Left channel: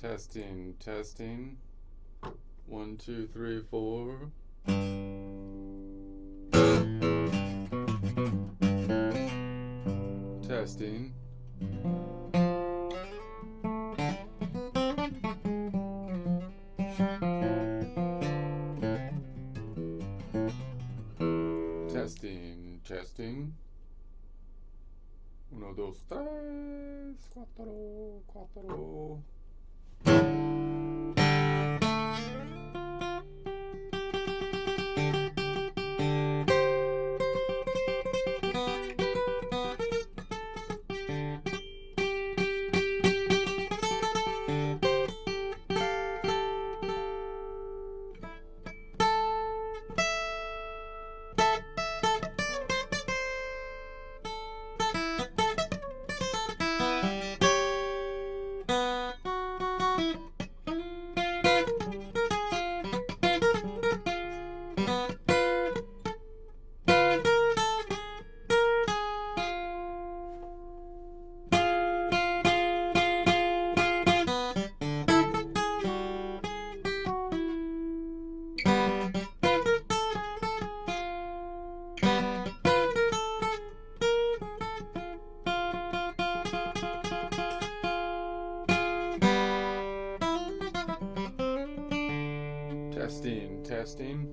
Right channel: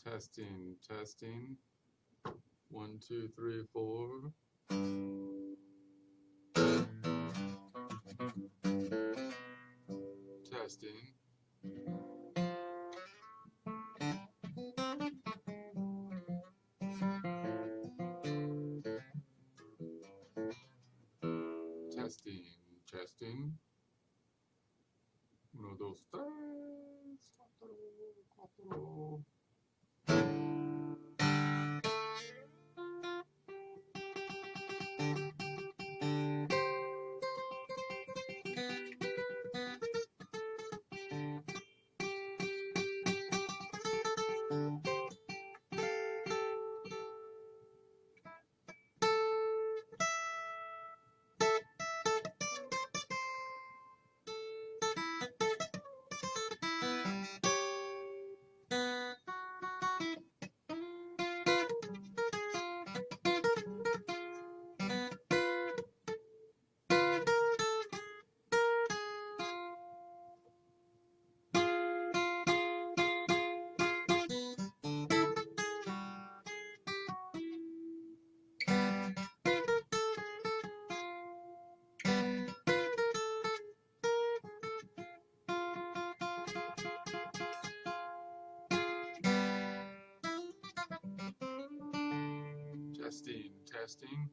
Testing, testing. 1, 2, 3, 4. Testing. Testing, testing. 1, 2, 3, 4, 4. Testing, testing.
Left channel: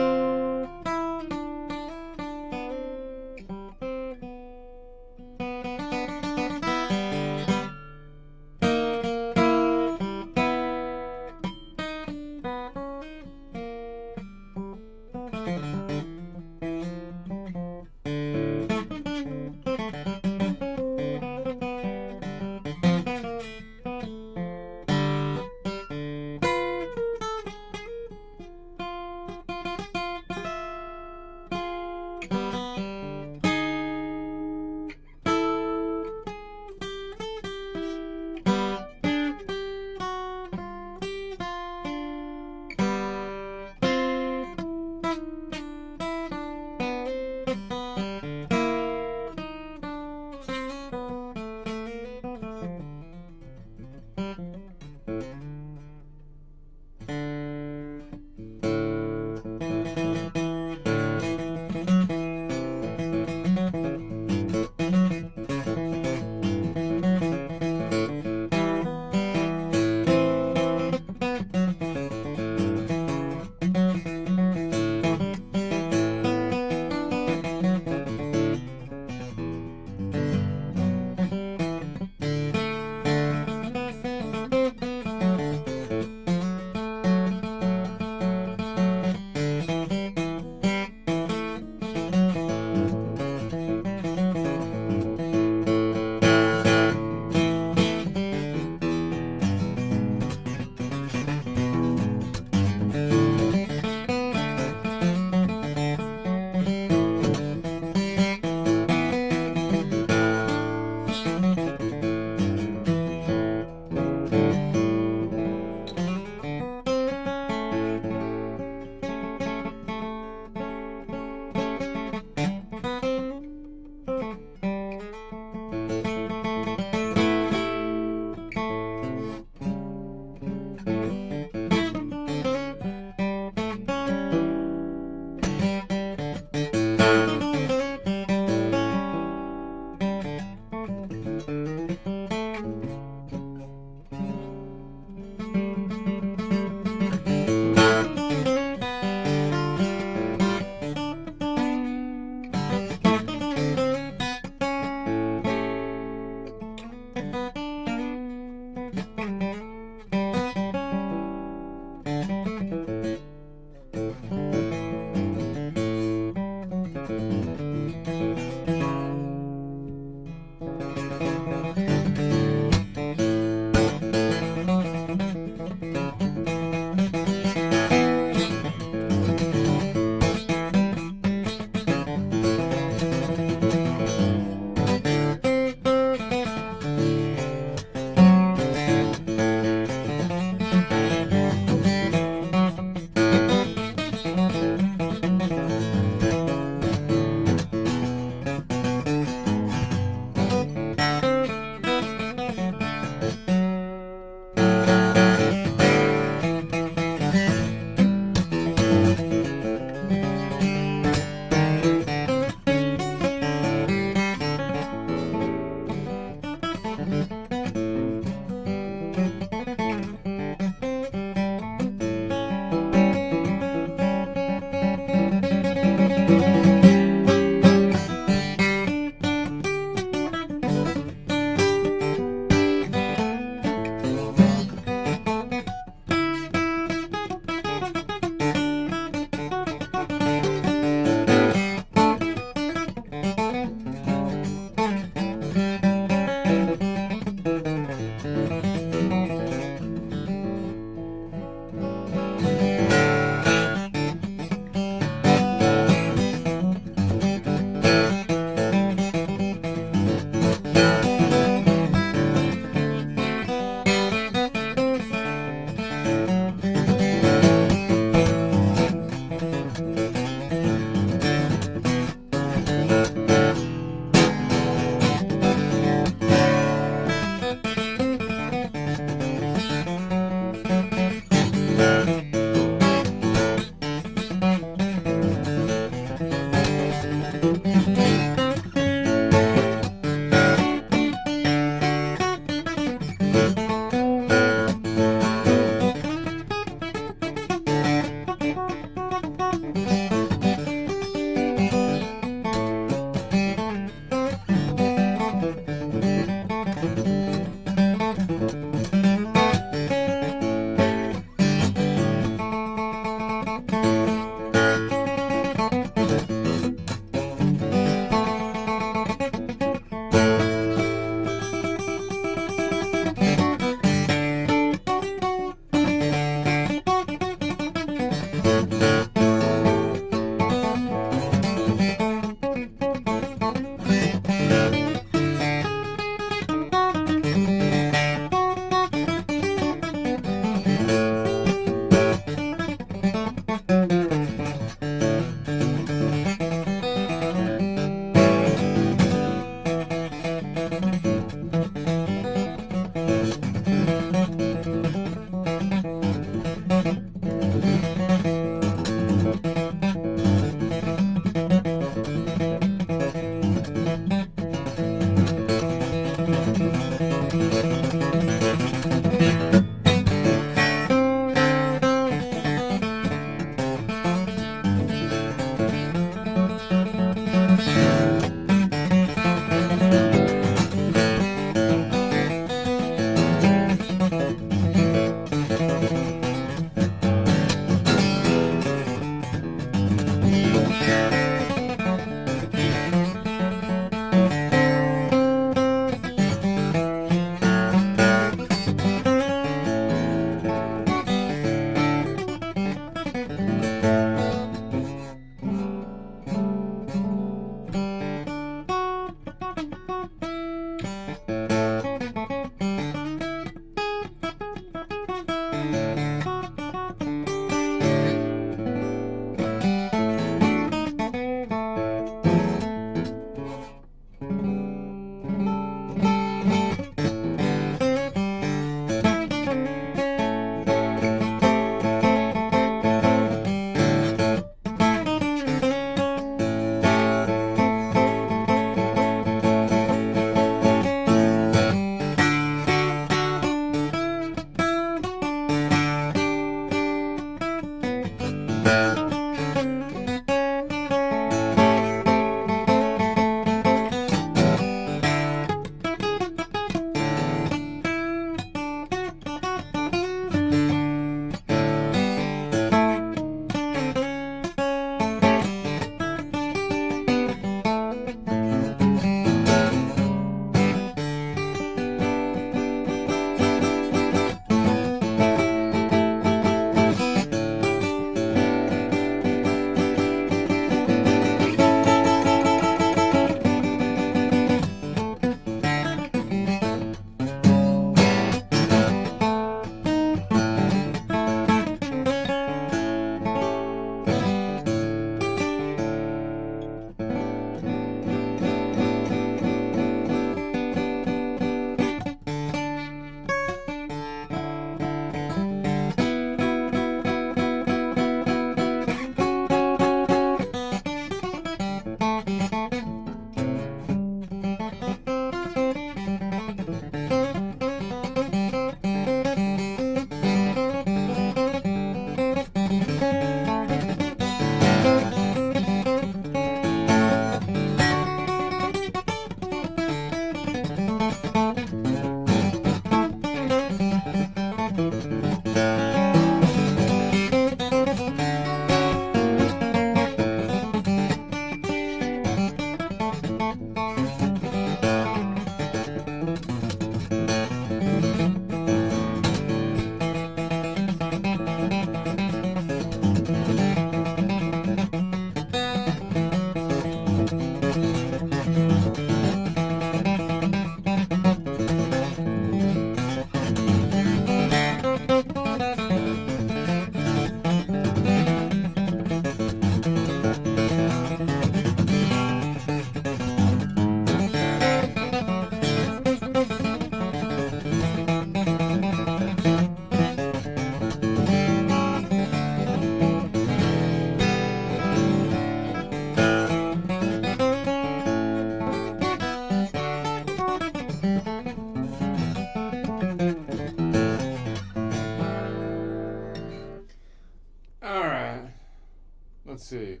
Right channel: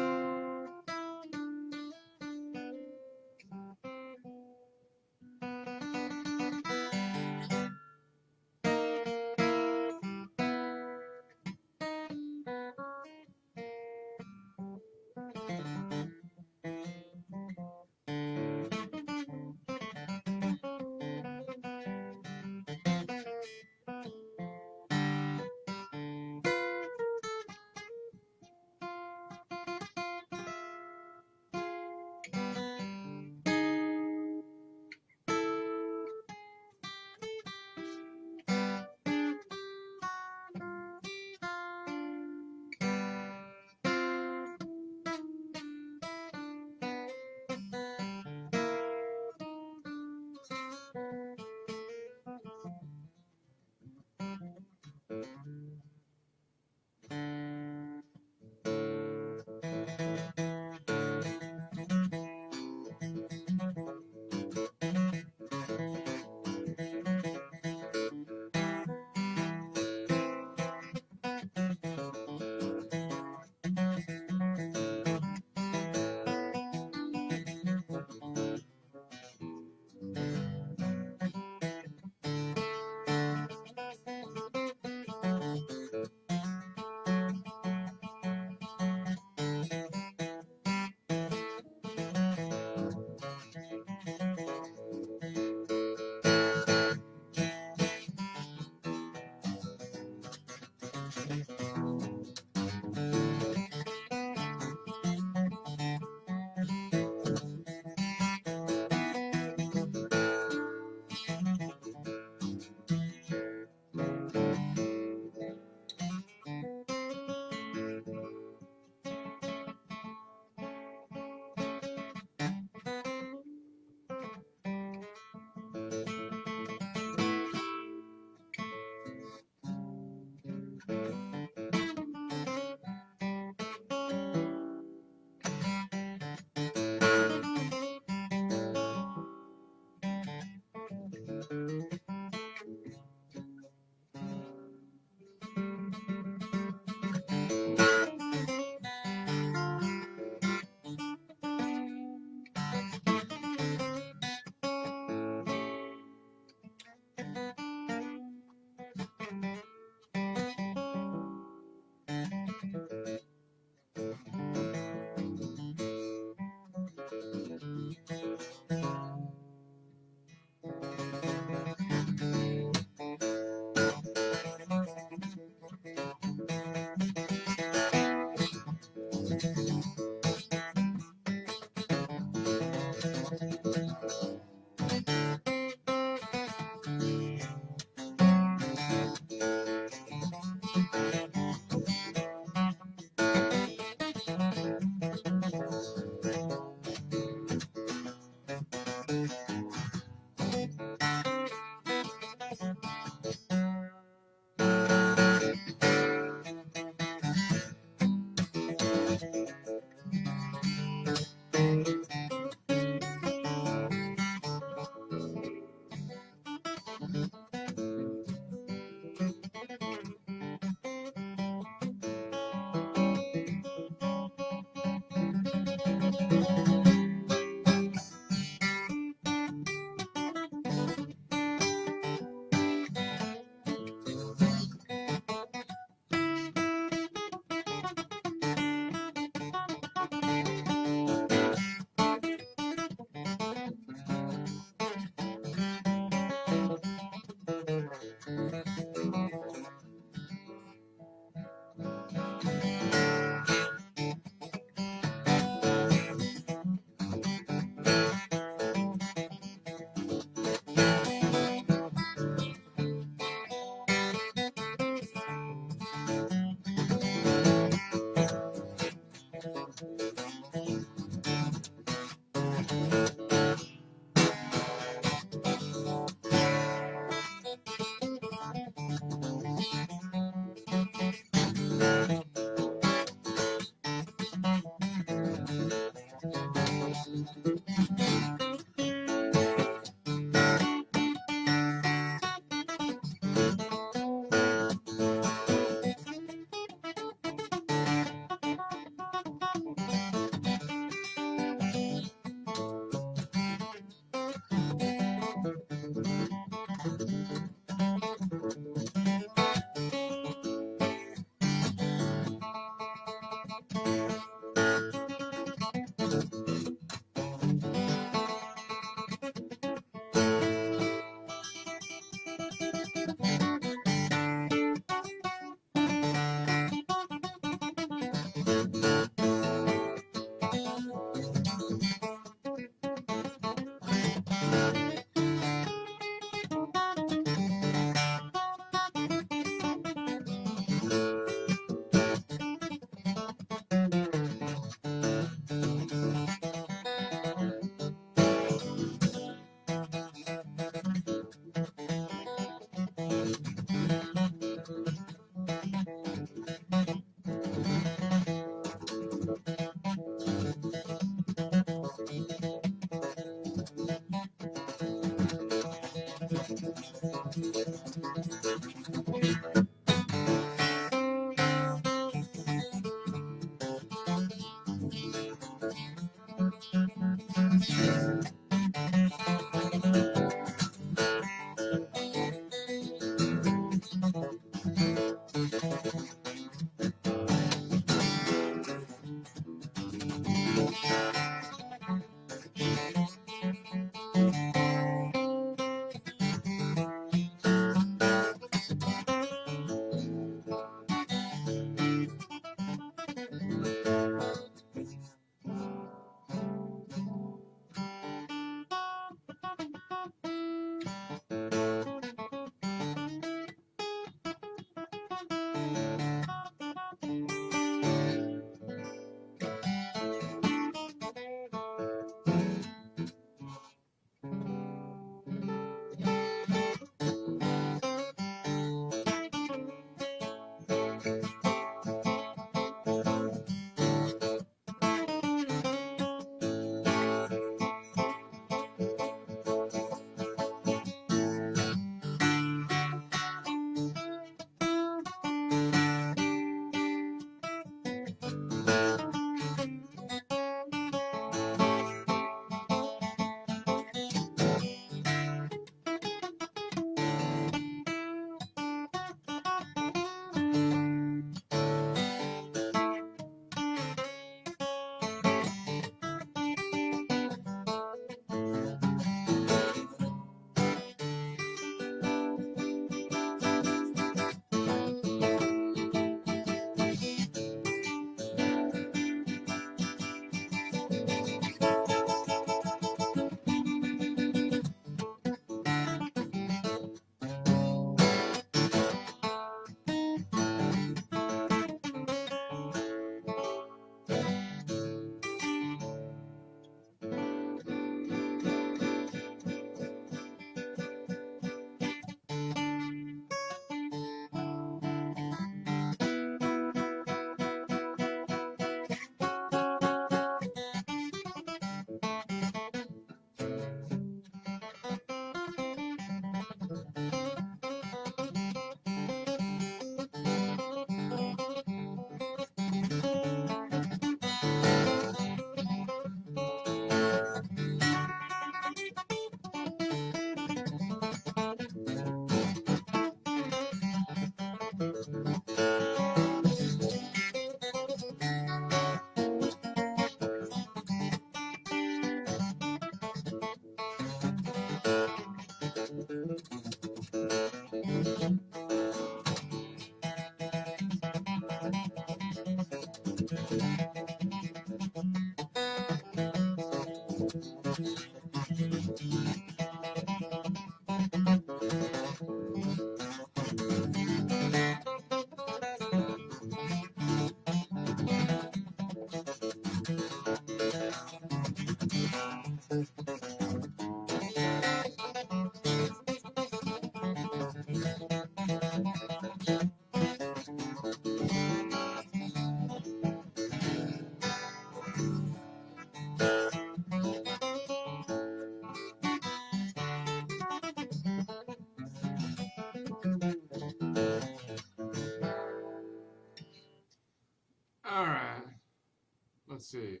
Let's see.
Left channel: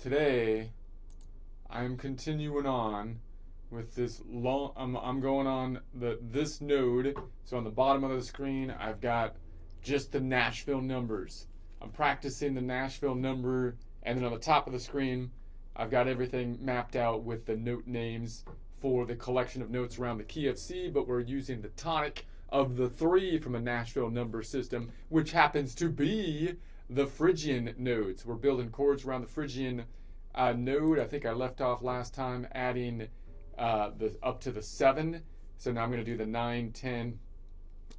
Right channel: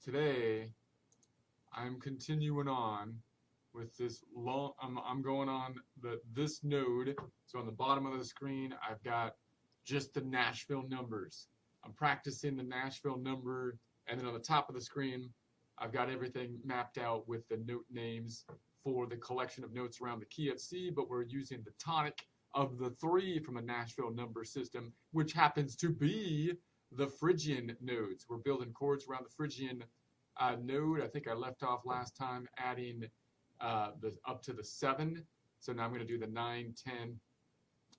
Today, I'm continuing on with this long. I'm going on this node. So on the bottom of the screen, I've got just the Nashville numbers. I'm practicing the Nashville number, and then on the top of the screen, I've got everything mapped out with the note names for the collection of notes around the key of C, but we're using the tonic of the 3 from a Nashville number system, which happens to be the Phrygian nodes. We're building chords around the Phrygian node. I think I left off last time adding up to the 7. So now I'm going to do the 9, 10,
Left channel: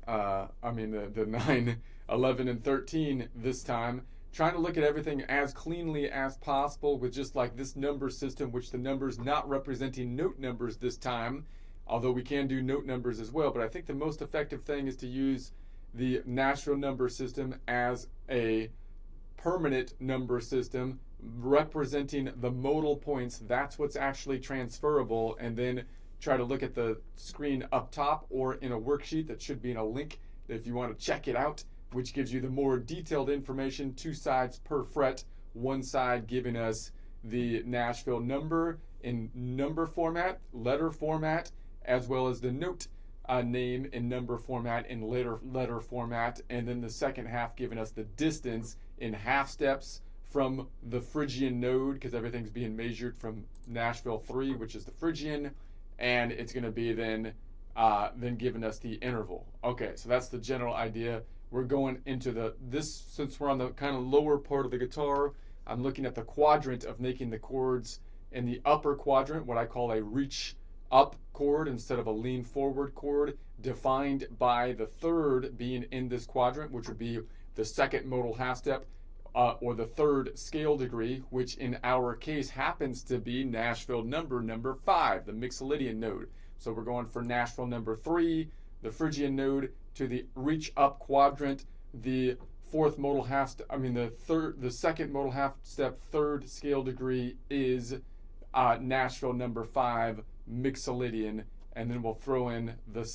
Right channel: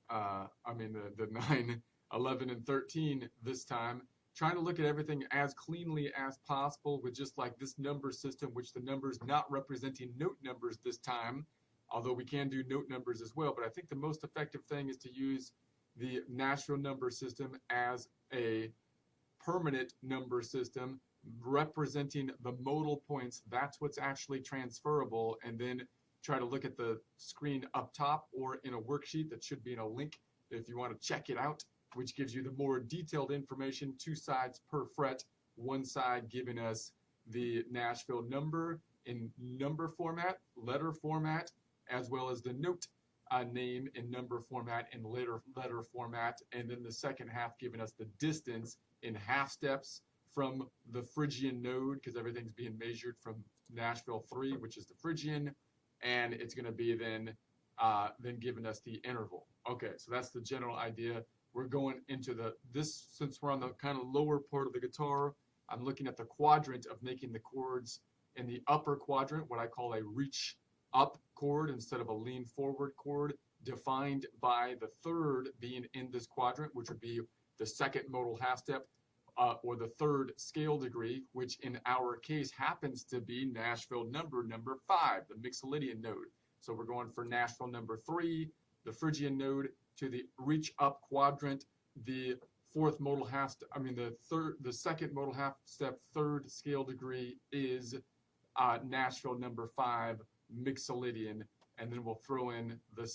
the 9, 11, and 13 this time. Trying to look at everything as cleanly as possible with just like this number system, which the numbers not representing note numbers this time, although we can do note numbers as well. But I think the most effective thing is to use the Nashville number system as a permanent number system representing the modal points. That's what's actually transferable, and then try to look at the screen up top or in a worksheet that should be in a link if you want to check it out, which gives you the more detailed information, 2 sides per fret, one side giving us the Nashville number in number format, letter format, as well as the note name in number format in letter format, and then the second half giving us the distance in half steps from the Phrygian node, because everything's being measured from Nashville 3, which is the Phrygian, and it's going to be then giving us the interval. Okay, so that's the general idea. We're going into since we're on the kind of lower part of the guitar, I'm looking at the quadrant of making the chords in the upper quadrant, what I call a reach up chord instead of a lean forward chord, defined by the third being in this quadrant, which would be the second modal half step, or the third scale degree, which in our case happens to be Nashville number 5, the Mixolydian node. So we're going for Nashville number 3, the Phrygian node, to the reach up quadrant, the fourth modal half step, the second modal half step, third scale degree is Nashville number 5, Mixolydian, and then we'll throw in the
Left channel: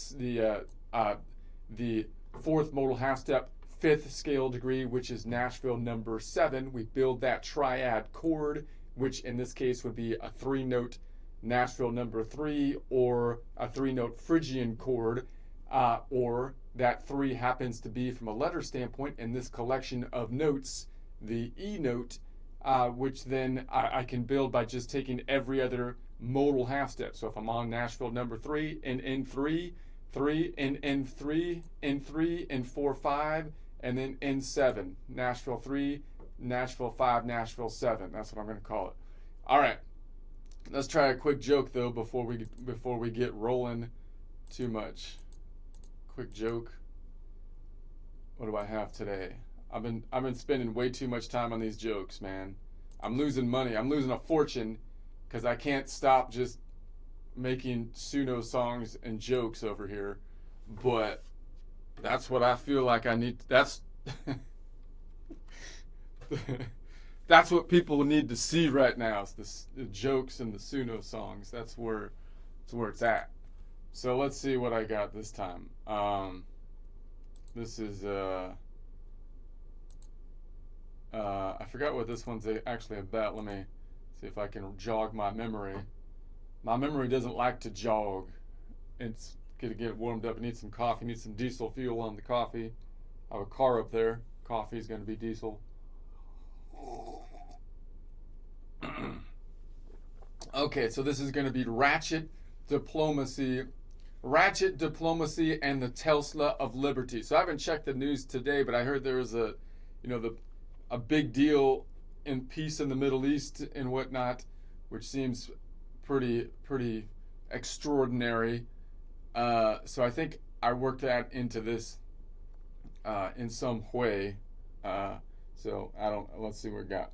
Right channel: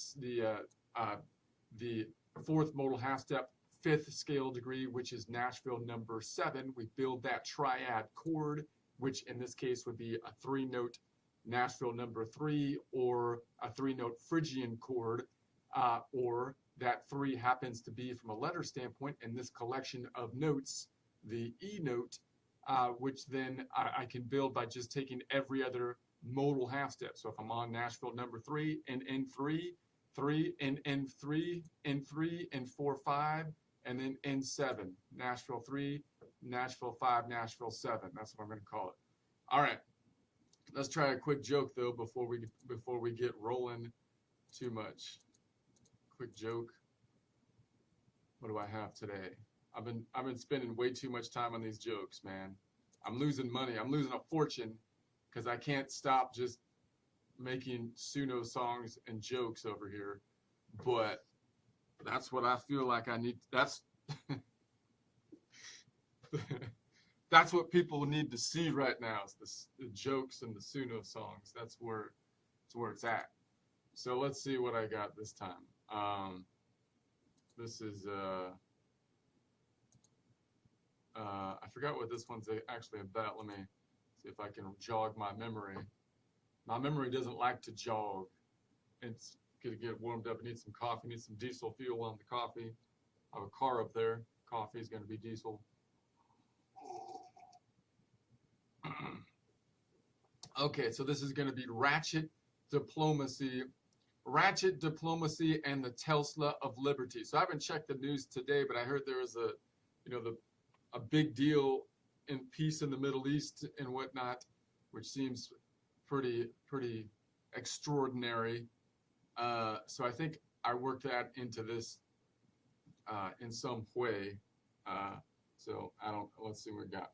fourth modal half step, fifth scale degree, which is Nashville number 7. We build that triad chord, which in this case would be a 3-note Nashville number 3, or a 3-note Phrygian chord, or that 3 happens to be, from a letter standpoint, in this collection of notes, the E note, which then I can build by just taking every other modal half step. So if I'm on Nashville number 3, in N3, 3, in N3, N3, N4, 5, and then N7, Nashville 3, Nashville 5, Nashville 7. That's what I'm going to call it. All right, let's try a quick joke though before we get rolling too much. Quick joke. What do I have today? I've been spending way too much time on these jokes, man. I'm losing money. I'm losing a fortune because I can't stop just making Suno songs and jokes over here. But that's what I feel like I need. That's that's what people need to see right now. Is the jokes and the Suno songs. That's where it's at. So let's see what I got this time. This is I forgot what this one's actually about. Let me see if I can jog my memory. My memory doesn't like to jog. It's gonna get warmed up. I need some coffee. Need some diesel fuel on the coffee. I have a car up there. Coffee is gonna be diesel. Okay, so this is gonna be Ratchet Diplomacy and the Tesla of Liberty. So I haven't checked the news today, but I heard there was a big deal in peace in the Middle East and whatnot, which seems pretty extraordinary. So I think I worked that into this in some way. So let's see what we got.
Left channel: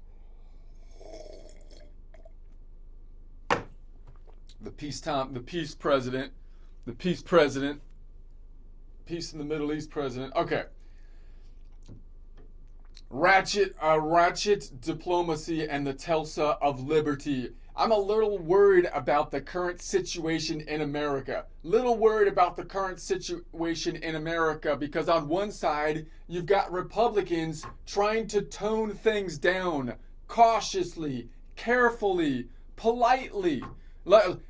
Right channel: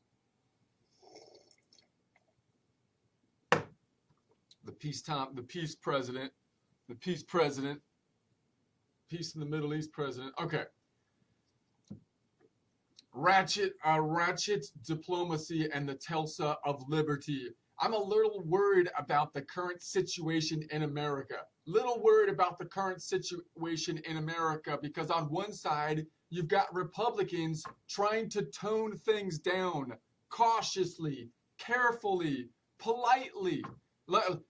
The peace president, peace in the Middle East president. Okay. Ratchet Diplomacy and the Tesla of Liberty. I'm a little worried about the current situation in America. Because on one side, you've got Republicans trying to tone things down cautiously, carefully, politely.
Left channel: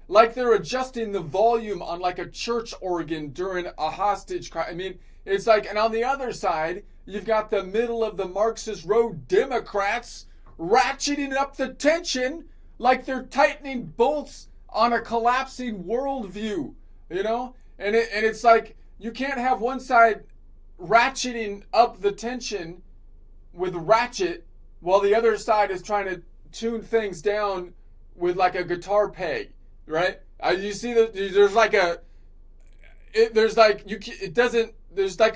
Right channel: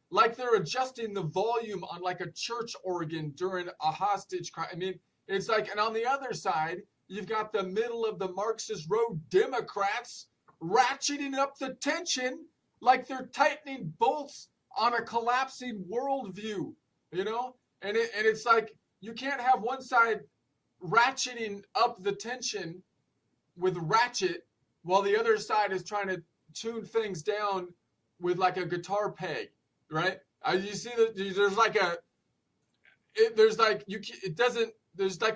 Like they're adjusting the volume on like a church organ during a hostage crime. I mean, it's like, and on the other side, you've got the middle of the Marxist road Democrats ratcheting up the tension like they're tightening bolts on a collapsing worldview, you know? And it's like, you can't have one side ratcheting up the tension with ratchet while the other side is trying to tune things down with like a guitar peg, right? You see that there's like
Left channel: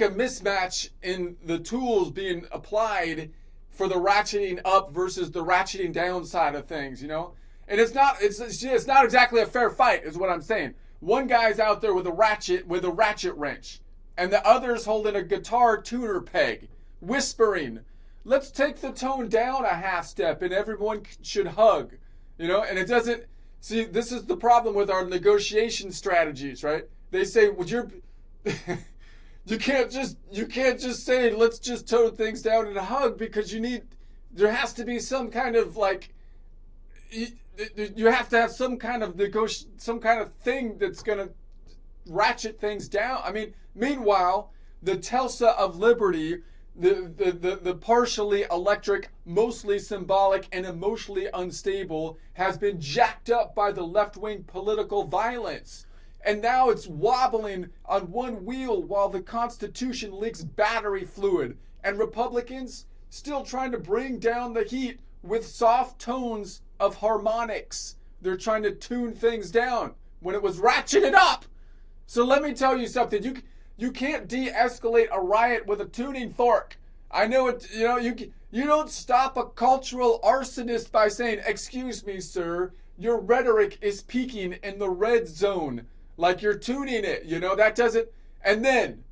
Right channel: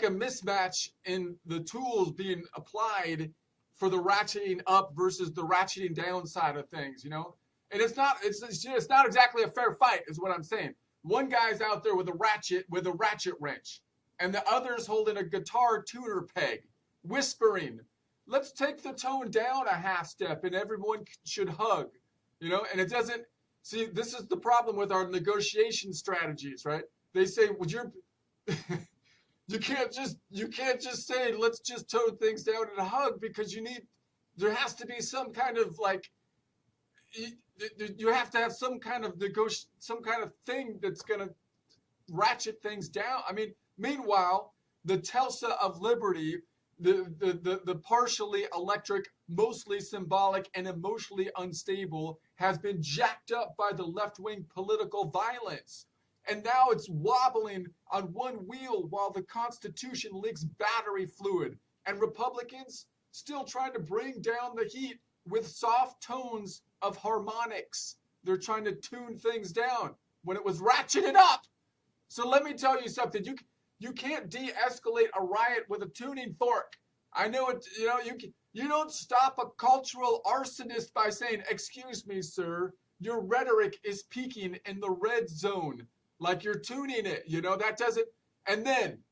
a mismatch in the tools being applied for the ratcheting up versus the ratcheting down side of things, you know? And it's not exactly a fair fight, is what I'm saying. One guy's out there with a ratchet wrench, and the other's holding a guitar tuner peg, whispering, "Let's take the tone down a half step and everyone should hug." You know, and it doesn't, see, this is the problem with our negotiation strategies, right? They say, well, you can't just say, let's just tone things down in a hug, because there has to be some kind of like, you have to have some kind of thing that's going to ratchet things down. I mean, meanwhile, the Tulsa of Liberty, the partially electric, mostly symbolic, and emotionally unstable, has been jacked up by the left-wing political violence. And now it's wobbling on one wheel while the Constitution leaks battery fluid. And Republicans still trying to bring down the heat with soft tones of harmonics. They're trying to tune things down when it was ratcheted up. So let me tell you something. You can't de-escalate a riot with a tuning fork. I know it. You don't stop a cultural arsonist by saying, "Excuse me, sir, your rhetoric is peaking in the red zone." Like you're tuning it. That doesn't. And then,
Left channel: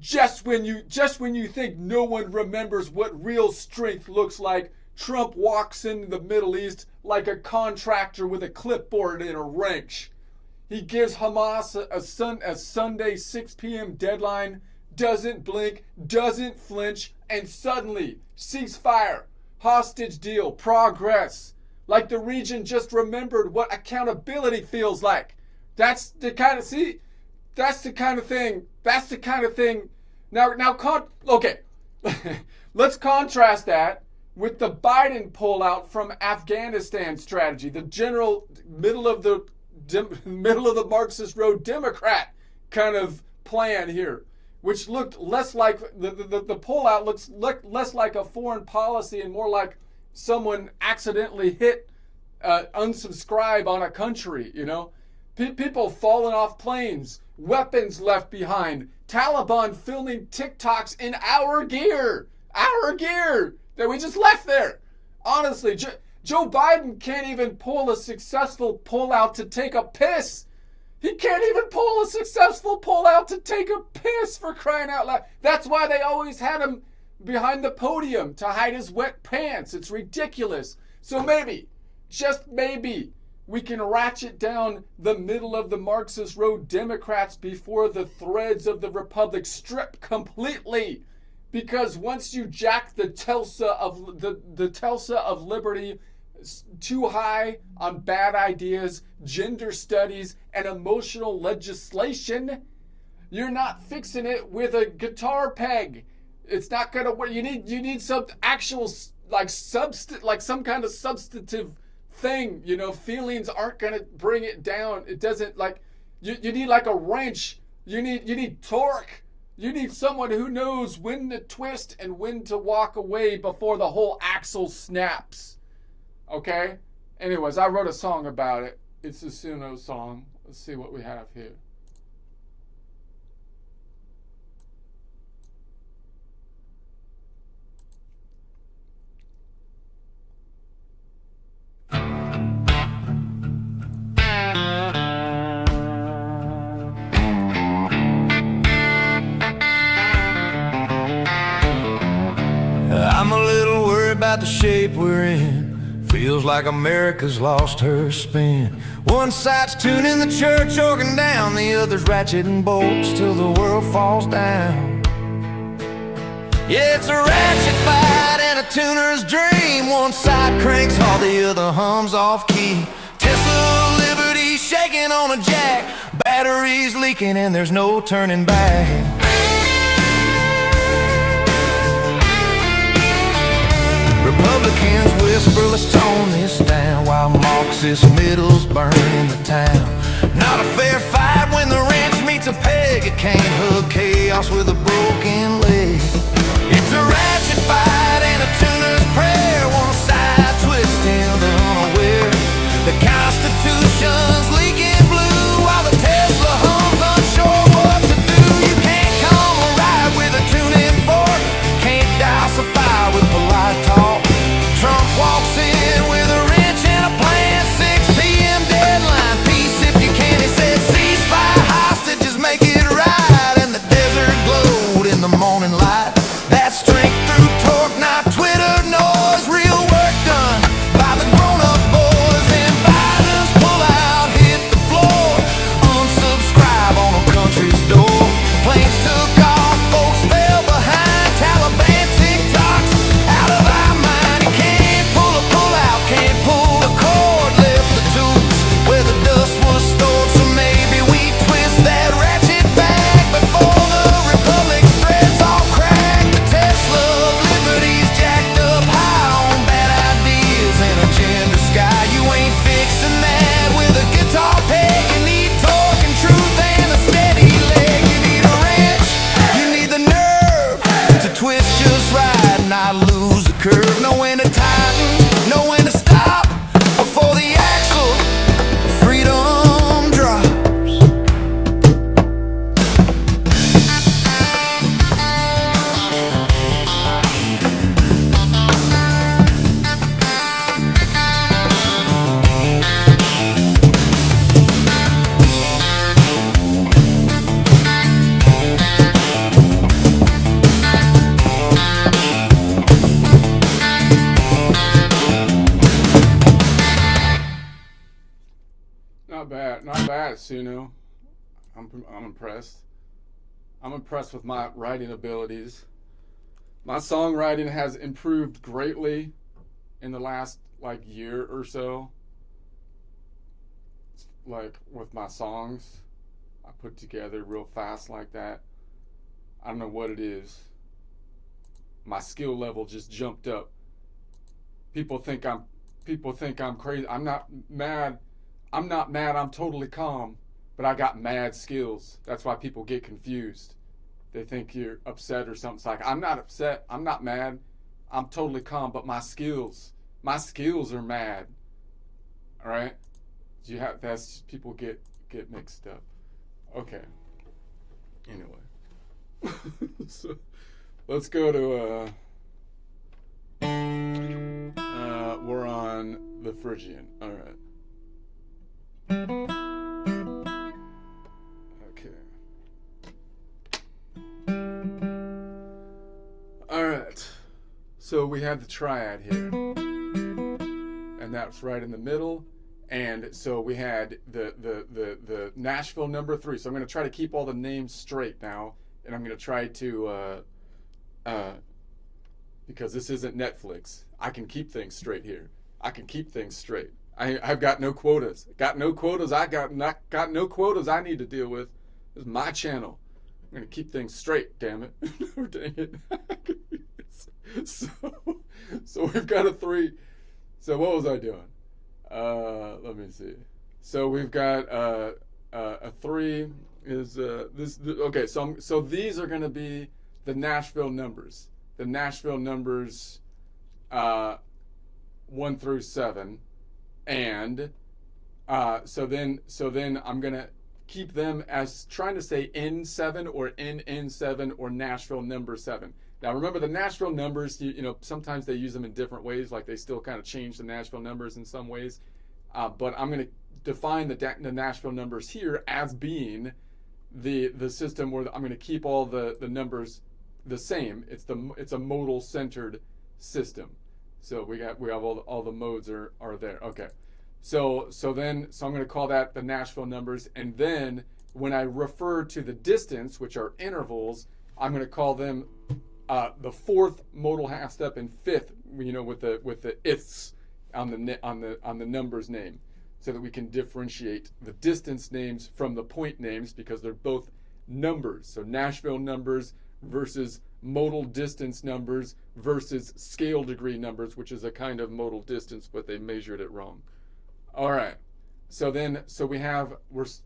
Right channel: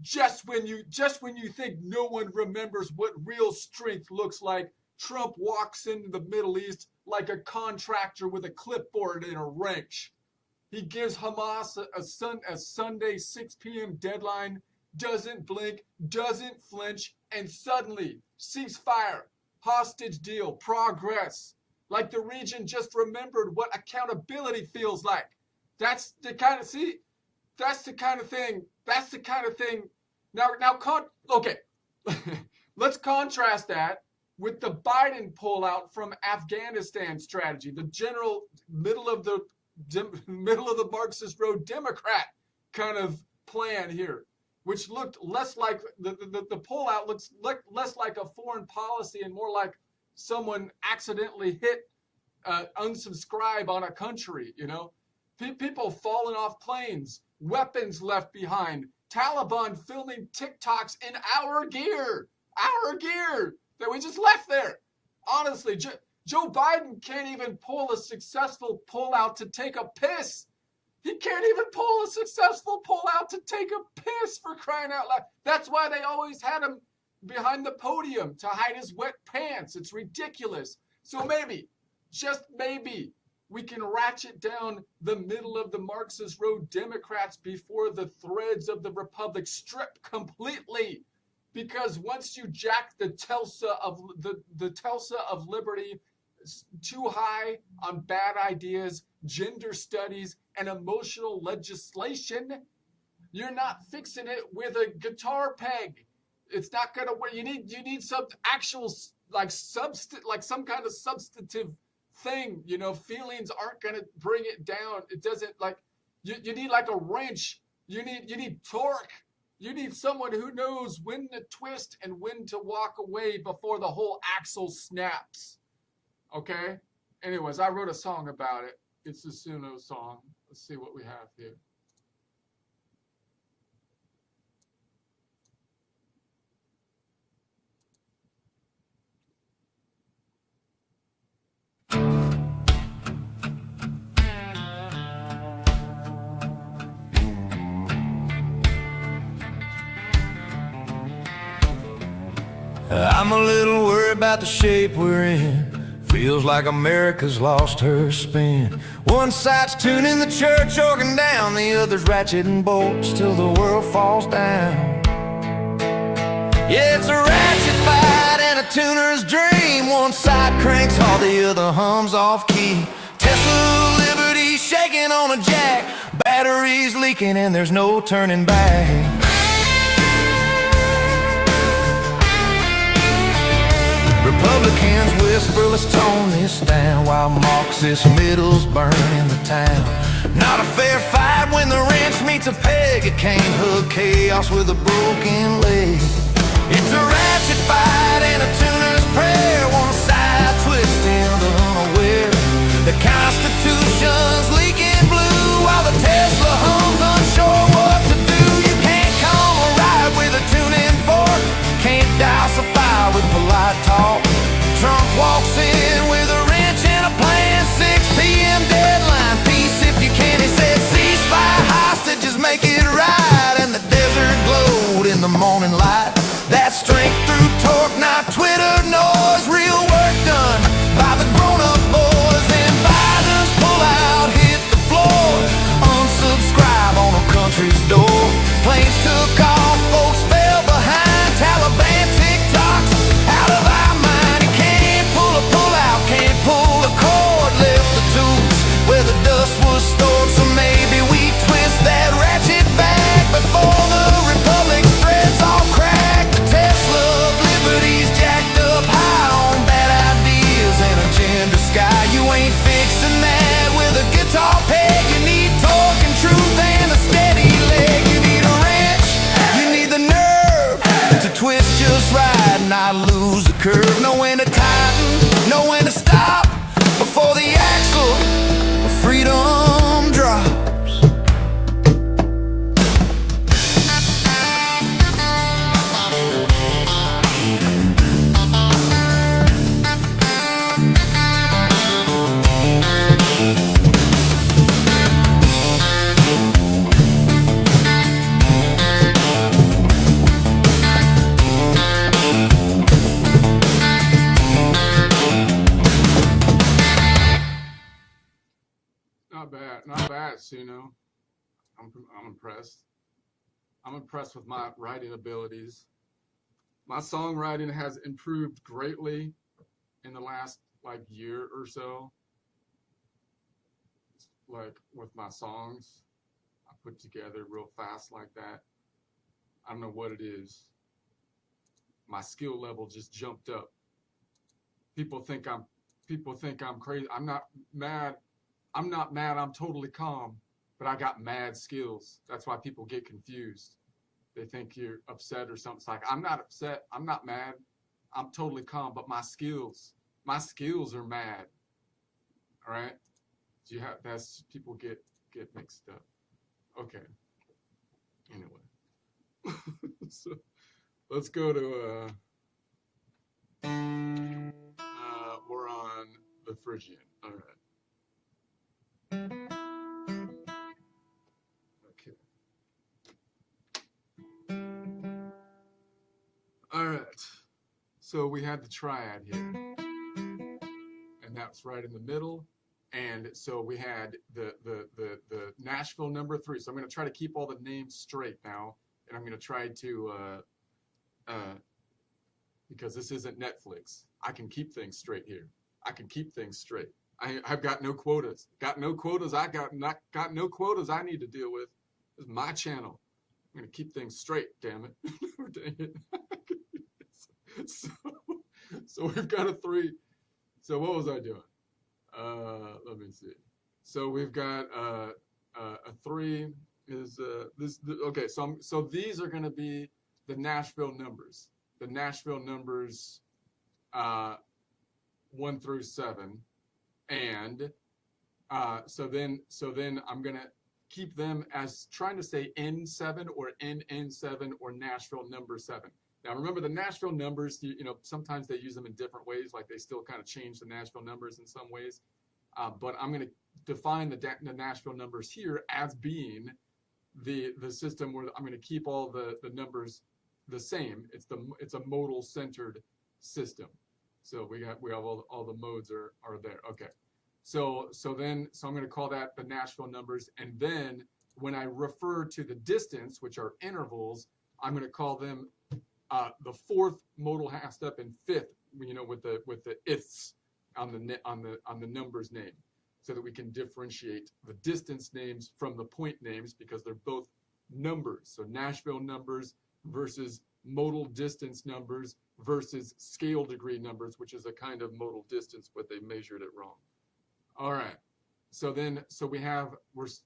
just when you think no one remembers what real strength looks like, Trump walks into the Middle East like a contractor with a clipboard and a wrench. He gives Hamas a Sunday 6 p.m. deadline, doesn't blink, doesn't flinch, and suddenly, ceasefire, hostage deal, progress. Like the region just remembered what accountability feels like. That's the kind of thing. Okay. Let's contrast that with the Biden pullout from Afghanistan strategy, the general middle of the Marxist road Democrat kind of plan here, which looked less like the pullout looks less like a foreign policy and more like someone accidentally hit unsubscribe on a country. People falling off planes, weapons left behind, Taliban filming TikToks in our gear that we just left there. Honestly, Joe Biden can't even pull a successful pullout to take a piss. He can't even pull a successful pullout to take a piss, for crying out loud. That's why they always had him behind the podium to hide his wet pants. It's ridiculous. So maybe, just maybe, we can ratchet down the middle of the Marxist road Democrats before the threads of the Republic strip completely. Because once you jack the Tulsa of Liberty too high on bad ideas, gender studies, and emotional legislation, you're not fixing it with a guitar peg. It's not gonna work. You need some actual some kind of substantive thing. Feelings aren't gonna bring it down. It doesn't you need like a wrench. You need torque. You need someone who knows when to twist and when to walk away before the whole axle snaps. Okay? Anyways, I wrote a song about it. It's a Suno song. Let's see what we have here. I'm a little worried about the shape we're in. Feels like America's lost her spin. One side's tuning the church organ down, the other's ratcheting bolts till the world falls down. Yeah, it's a ratchet fight and a tuner's dream. One side cranks while the other hums off key. Tesla Liberty shaking on a jack, batteries leaking and there's no turning back. Republicans whisper, let's tone this down, while Marxist middles burn in the town. Not a fair fight when the wrench meets a peg. It can't hug chaos with a broken leg. It's a ratchet fight and a tuner's prayer. One side twisting the unaware. The Constitution's leaking blue while the Tesla hums unsure what to do. You can't come a ride with a tuning fork. Can't douse a fire with polite talk. Trump walks in with a wrench and a plan. 6 p.m. deadline, peace if you can. He said ceasefire, hostages, make it right. And the desert glowed in the morning light. That's strength through torque, not Twitter noise. Real work done by the grown-up boys. And Biden's pullout hit the floor. Unsubscribe on a country's door. Planes took off, folks fell behind. Taliban TikToks out of our mind. You can't pull a pullout, can't pull a cord. Left the tools where the dust was stored. So maybe we twist that twist just right and I lose the curve. Know when to tighten, know when to stop before the axle of freedom drops. Not bad, Suno. I'm impressed. I'm impressed with my writing abilities. My songwriting has improved greatly in the last year or so. Like with my songs, I put together real fast like that. I don't know what it is. My skill level just jumped up. People think I'm crazy. I'm not mad. I'm totally calm, but I got mad skills. That's why people get confused. They think you're upset or something. It's like, I'm not upset. I'm not mad. I'm totally calm, but my skills are mad. All right? People get mixed up. Okay. Anyway. So, let's go to, we're on the Phrygian. All right. Okay. All right. So we had the triad here, and that's right in the middle. And so we had the Nashville number 3. So I'm going to try to keep all the names straight now, and I'm going to try to because this isn't Netflix. I can keep things straight here. I can keep things straight. I've got no quotas. Got no quotas. I got no quotas I need to deal with. This is my channel. I'm gonna keep things straight. Damn it! Dang it. So we've got a 3. So what was I doing? Let me see. So we've got a 3 is this. Okay. So these are gonna be the Nashville numbers. The Nashville numbers 1 through 7. And so then I'm gonna keep them as trying to say N7 or NN7 or Nashville number 7. Now remember the Nashville numbers, you know, sometimes they use them in different ways, like they still kind of change the Nashville numbers in some ways. But I'm gonna define the Nashville numbers here as being the system where I'm gonna keep all the numbers the same. It's a modal centered system. So we have all the modes are there. Okay. So I'm going to call that the Nashville numbers, and then when I refer to the distance, which are intervals, I'm going to call them the 4th modal half step and 5th, you know, with the ifs on the numbers name, so that we can differentiate the distance names from the point names because they're both numbers. So Nashville numbers versus modal distance numbers versus scale degree numbers, which is a kind of modal distance, but they measured it wrong. All right. So we have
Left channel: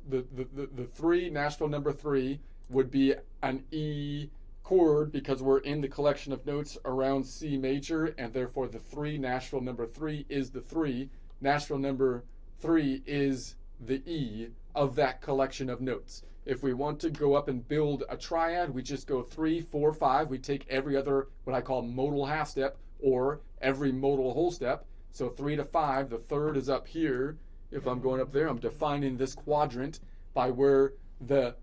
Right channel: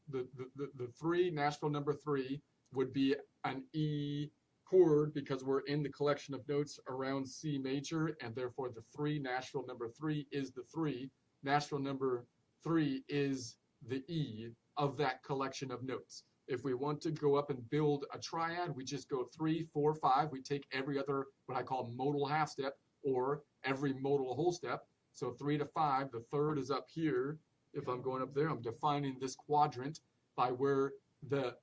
the 3 Nashville number 3 would be an E chord because we're in the collection of notes around C major, and therefore the 3 Nashville number 3 is the 3. Nashville number 3 is the E of that collection of notes. If we want to go up and build a triad, we just go 3, 4, 5. We take every other, what I call modal half step, or every modal whole step. So 3 to 5, the 3rd is up here. If I'm going up there, I'm defining this quadrant by where the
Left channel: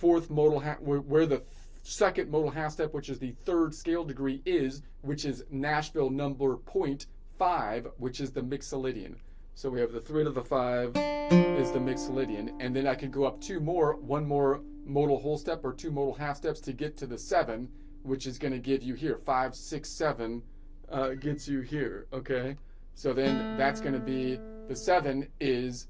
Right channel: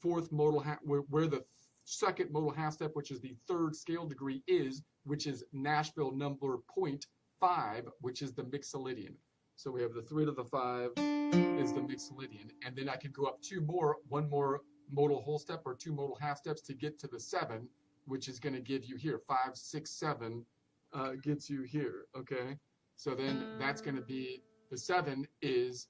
4th modal, where the 2nd modal half step, which is the 3rd scale degree is, which is Nashville number 0.5, which is the Mixolydian. So we have the 3 to the 5 is the Mixolydian, and then I could go up 2 more, 1 more modal whole step or 2 modal half steps to get to the 7, which is going to give you here 5, 6, 7 gets you here. Okay, so then that's going to be the 7 is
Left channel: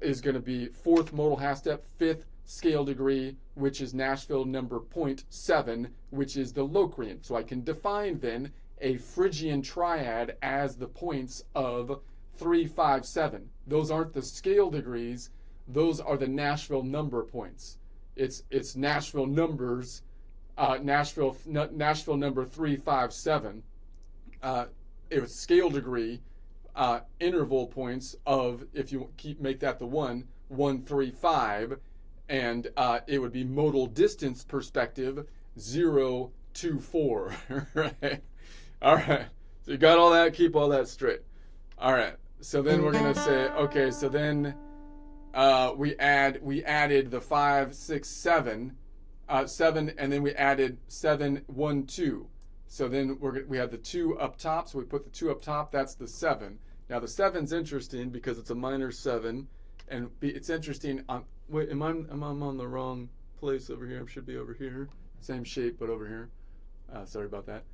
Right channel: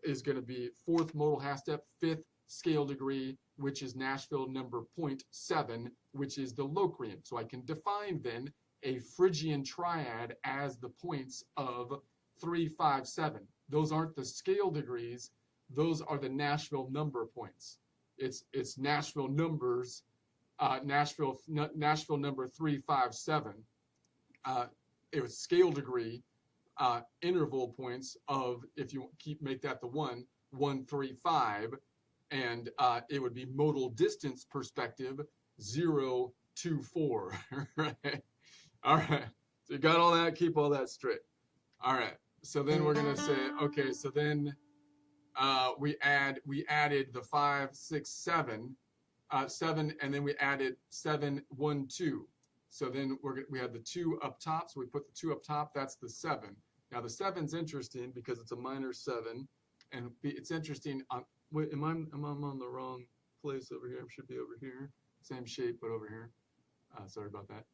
is going to be 4th modal half step, 5th scale degree, which is Nashville number 0.7, which is the Locrian. So I can define then a Phrygian triad as the points of 3, 5, 7. Those aren't the scale degrees, those are the Nashville number points. It's Nashville numbers Nashville number 357. It was scale degree interval points of, if you make that the 135, and it would be modal distance perspective 0, 2, 4. Right? All right. So you got all that. Keep all that straight. All right. So then we're gonna say, okay. So then we added the 5, 6, 7, 7, and then we added 7, 1, 2. So then we had the 2 up top. So we put the 2 up top. That's the 7. Now the 7's interesting because it's a minor 7, and it's interesting. Wait, am I on the wrong place over here? I should be over here. Same shape, but over here. Sorry about that.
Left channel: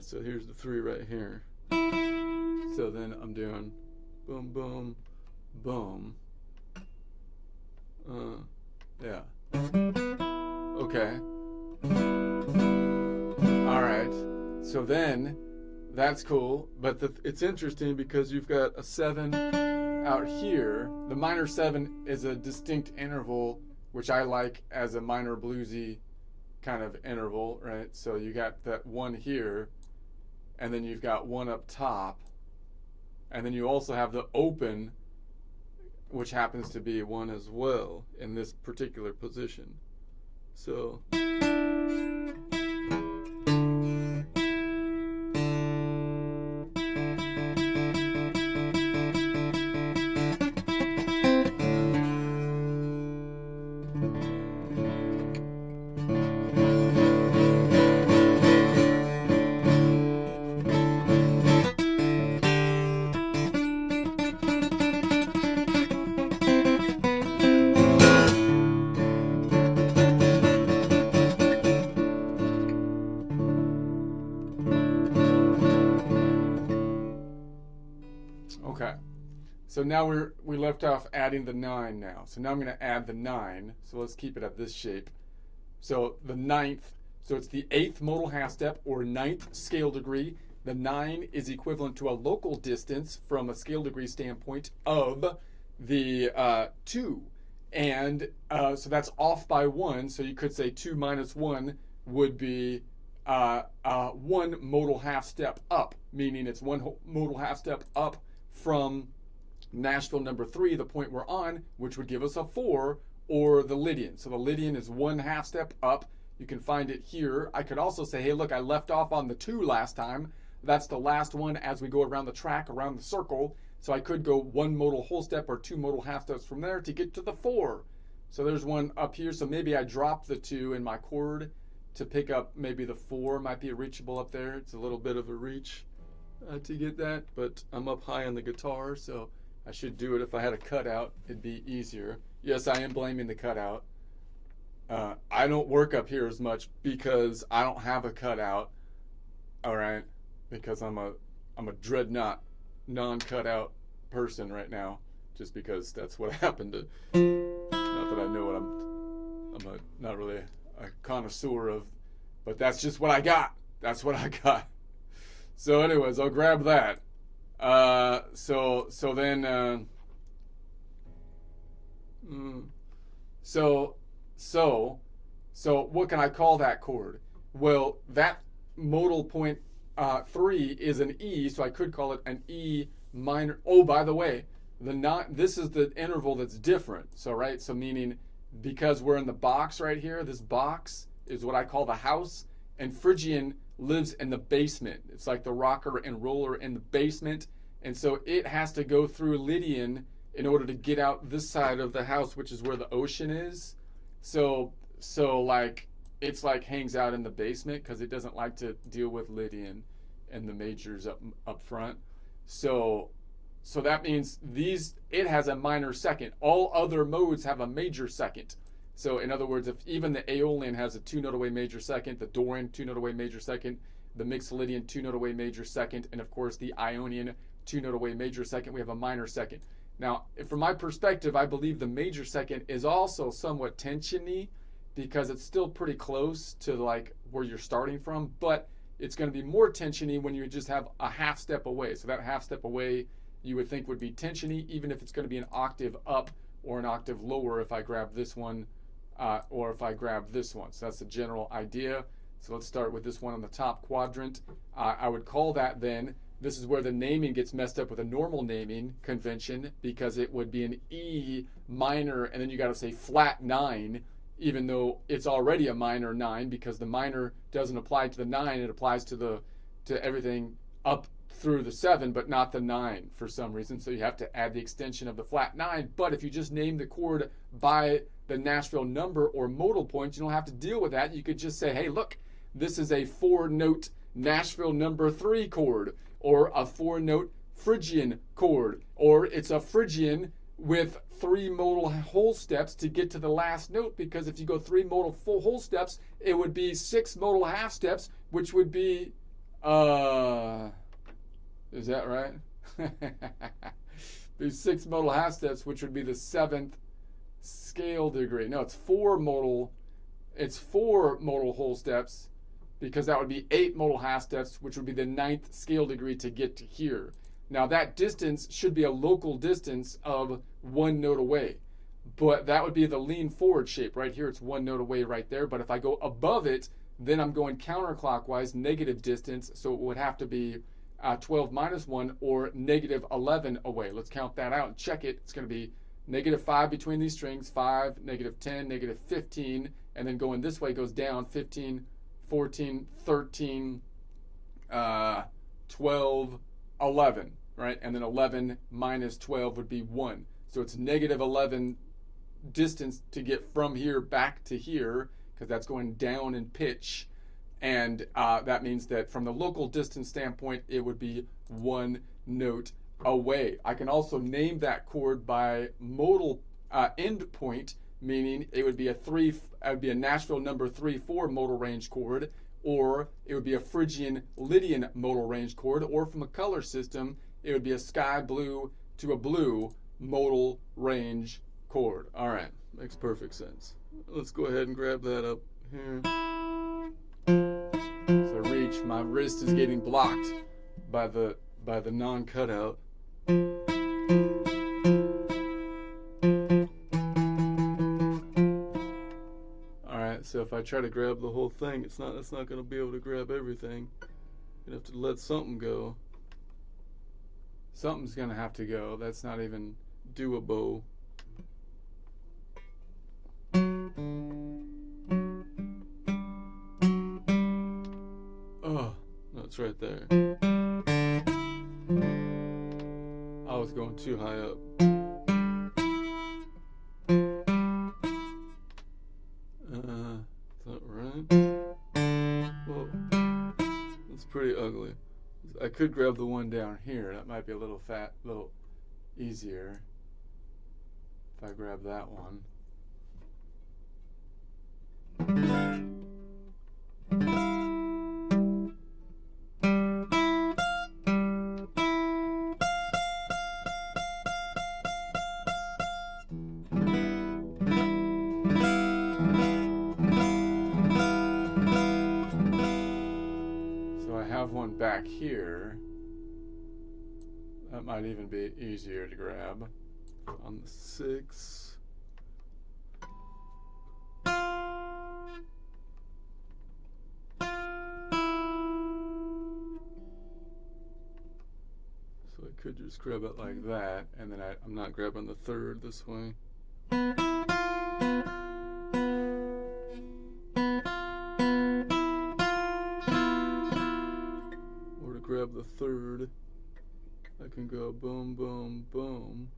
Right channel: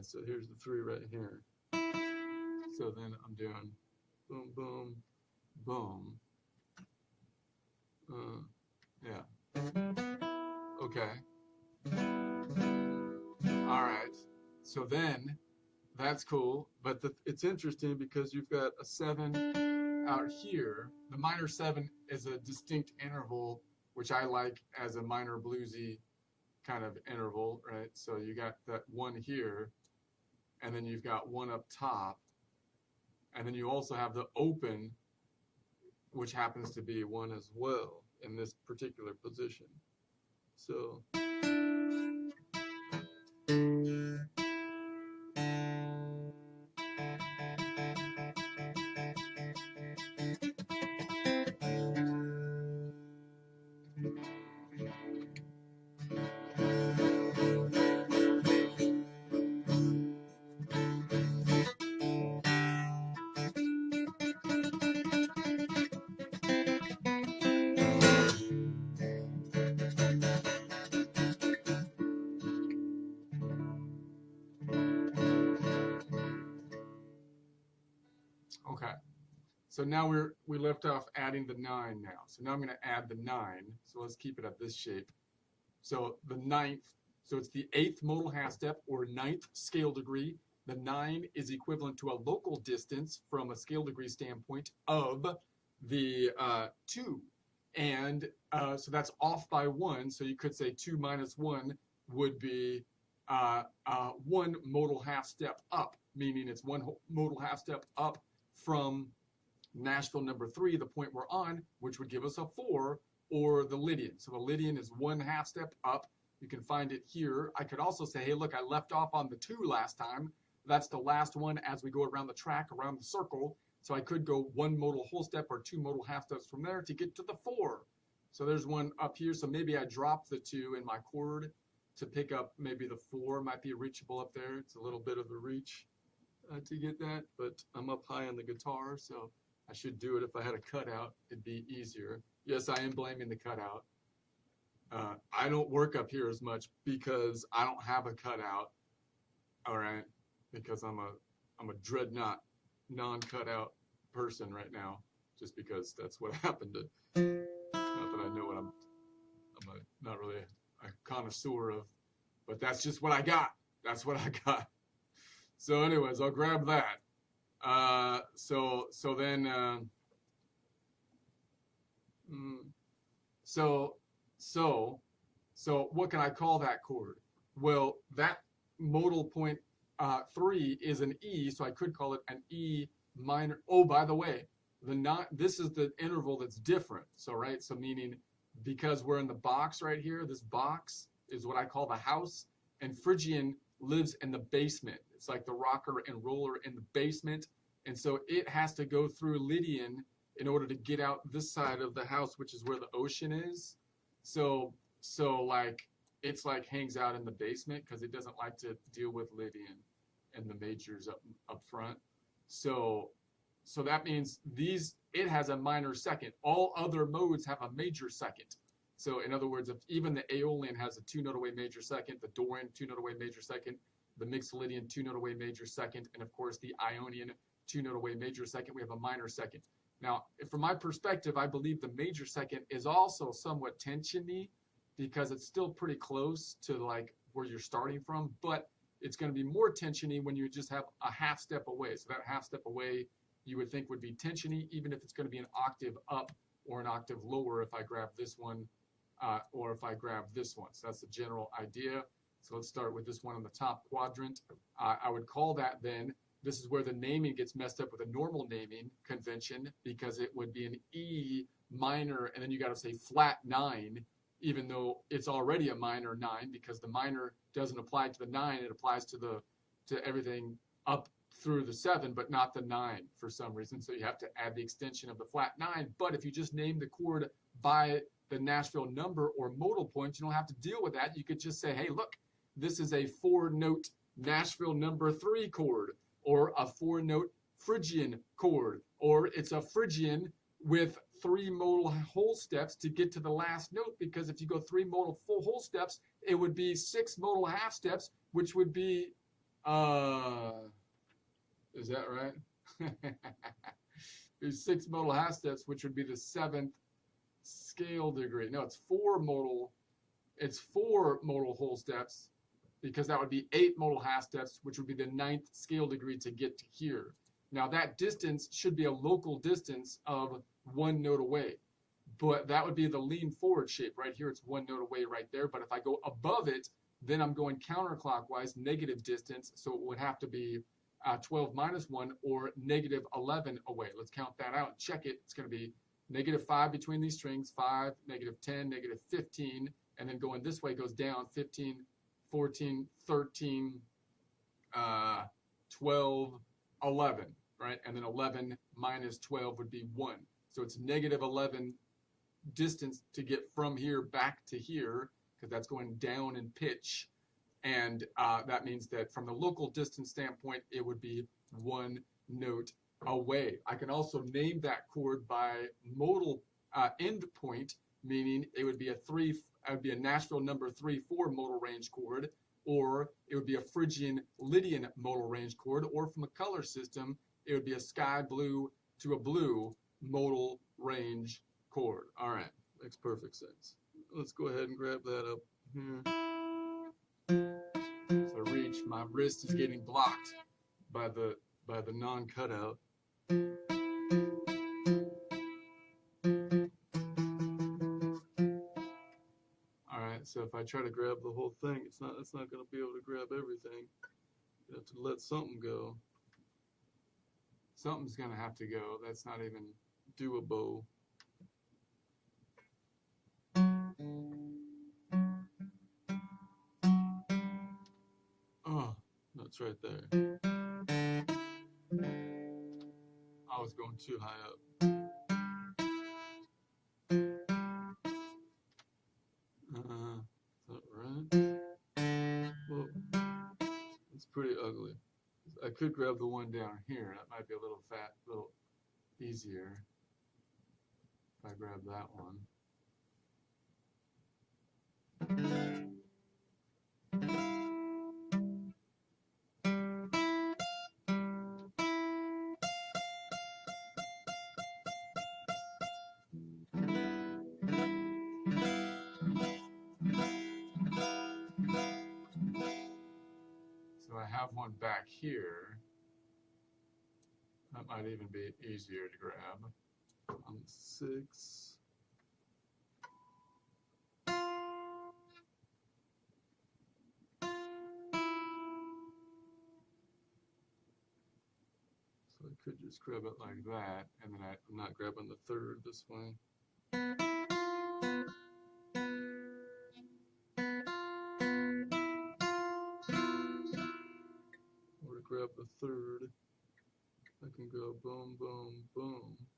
So here's the 3 right here. So then I'm doing boom, boom, boom. Yeah. Okay. All right. So then, that's cool. But it's interesting because you've got a 7 out here. The minor 7 is a distinct interval, which I like as a minor bluesy kind of interval, right? So you got that 1 here, and then you've got 1 up top, and then you also have the open, which happens to be 1 as well in this particular position. So okay. So now we left off adding the 9 now. So now I'm going to add the 9. So let's keep it at this shape. So the 9th, so it's the 8th modal half step or 9th scale degree. The 9 is equivalent to a local distance from a scale degree standpoint of the 2. And so that's off by 1. So you could say 2 minus 1 would be 1 modal half step up, meaning it's 1 modal half step up from Nashville number 3, the point we're on, which would give us a 4, or the Lydian. So the Lydian is 1 half step up. You can find it here. I could also say, hey, look, I left off on the 2 last time. That's the last one as we go around the track, around the circle. So I could go 1 modal whole step or 2 modal half steps from there to get to the 4. So there's 1 up here. So maybe I drop the 2 in my chord to pick up maybe the 4. Might be reachable up there. It's a little bit of a reach to get that, but I'm up high on the guitar, so I should do it. If I had a cutout, it'd be easier. Yes, I am blaming the cutout. I don't work up here as much because I don't have a cutout. All right, because I'm a dreadnought, non-cutout person right now, just because that's what happened to. Not that I know what I'm not really a connoisseur of, but that's just what I got. That's what I got. So anyways, I'll grab that. So what can I call that chord? Well, that modal point 3 is an E, so I could call it an E minor. Oh, by the way, this is the interval that's different. So right, so meaning because we're in the box right here, this box is what I call the house, and Phrygian lives in the basement. It's like the rocker and roller in the basement, and so it has to go through Lydian in order to get out this side of the house, which is where the ocean is. So like it's like hangs out in the basement because it doesn't like to deal with Lydian and the majors up front. So that means it has a minor second. All other modes have a major second. So in other words, if even the Aeolian has a 2-note away major second, the Dorian 2-note away major second, the Mixolydian 2-note away major second, and of course the Ionian 2-note away major second, we have a minor second. Now, from my perspective, I believe the major second is also somewhat tensiony because it's still pretty close to like where you're starting from, but it's going to be more tensiony when you just have a half step away. So that half step away you would think would be tensiony, even if it's going to be an octave up or an octave lower if I grab this one or if I grab this one. So that's the general idea. So let's start with this one on the top quadrant. I would call that then, this is where the naming gets messed up with a normal naming convention, because it would be an E minor, and then you got to say flat 9, even though it's already a minor 9, because the minor doesn't apply to the 9, it applies to everything up through the 7, but not the 9 for some reason. So you have to add the extension of the flat 9. But if you just name the chord by the Nashville number or modal point, you don't have to deal with that. You could just say, hey, look, this is a 4-note Nashville number 3 chord, or a 4-note Phrygian chord, or it's a Phrygian with 3 modal whole steps to get to the last note, because if you go 3 modal full whole steps, it would be 6 modal half steps, which would be, is that right? Be 6 modal half steps, which would be the 7th scale degree. No, it's 4 modal whole steps, because that would be 8 modal half steps, which would be the 9th scale degree to get to here. Now that distance should be a local distance of 1 note away, but that would be the lean forward shape. Right here, it's 1 note away right there, but if I go above it, then I'm going counterclockwise, negative distance, so it would have to be 12 minus 1, or negative 11 away. Let's count that out and check it. It's going to be negative 5 between these strings, 5, negative 10, negative 15, and then going this way goes down 15, 14, 13, 12, 11, right? And then 11 minus 12 would be 1. So it's negative 11 distance to get from here back to here, because that's going down in pitch. And that means that from the local distance standpoint, it would be 1 note away. I can also name that chord by modal end point, meaning it would be a Nashville number 3/4 modal range chord, or it would be a Phrygian Lydian modal range chord, or from a color system, it would be a sky blue to a blue modal range chord. All right, makes perfect sense. Let's go ahead and grab that up here. So reach, my wrist is getting blocked by the non-cutout. Alright, so if I try to grab the whole thing, it's not going to be able to grab everything. You have to let something go. Something's going to have to go. That's not even doable. Oh, that's right there. I was going too high up. Is that right? Well, that's pretty ugly. I could grab the one down here. That might be a little easier if I grab that one. One back here that might even be easier to grab on the 6. So I could just grab it like that, and then I'm not grabbing the 3rd this way. Grab the 3rd, I can go boom, boom, boom.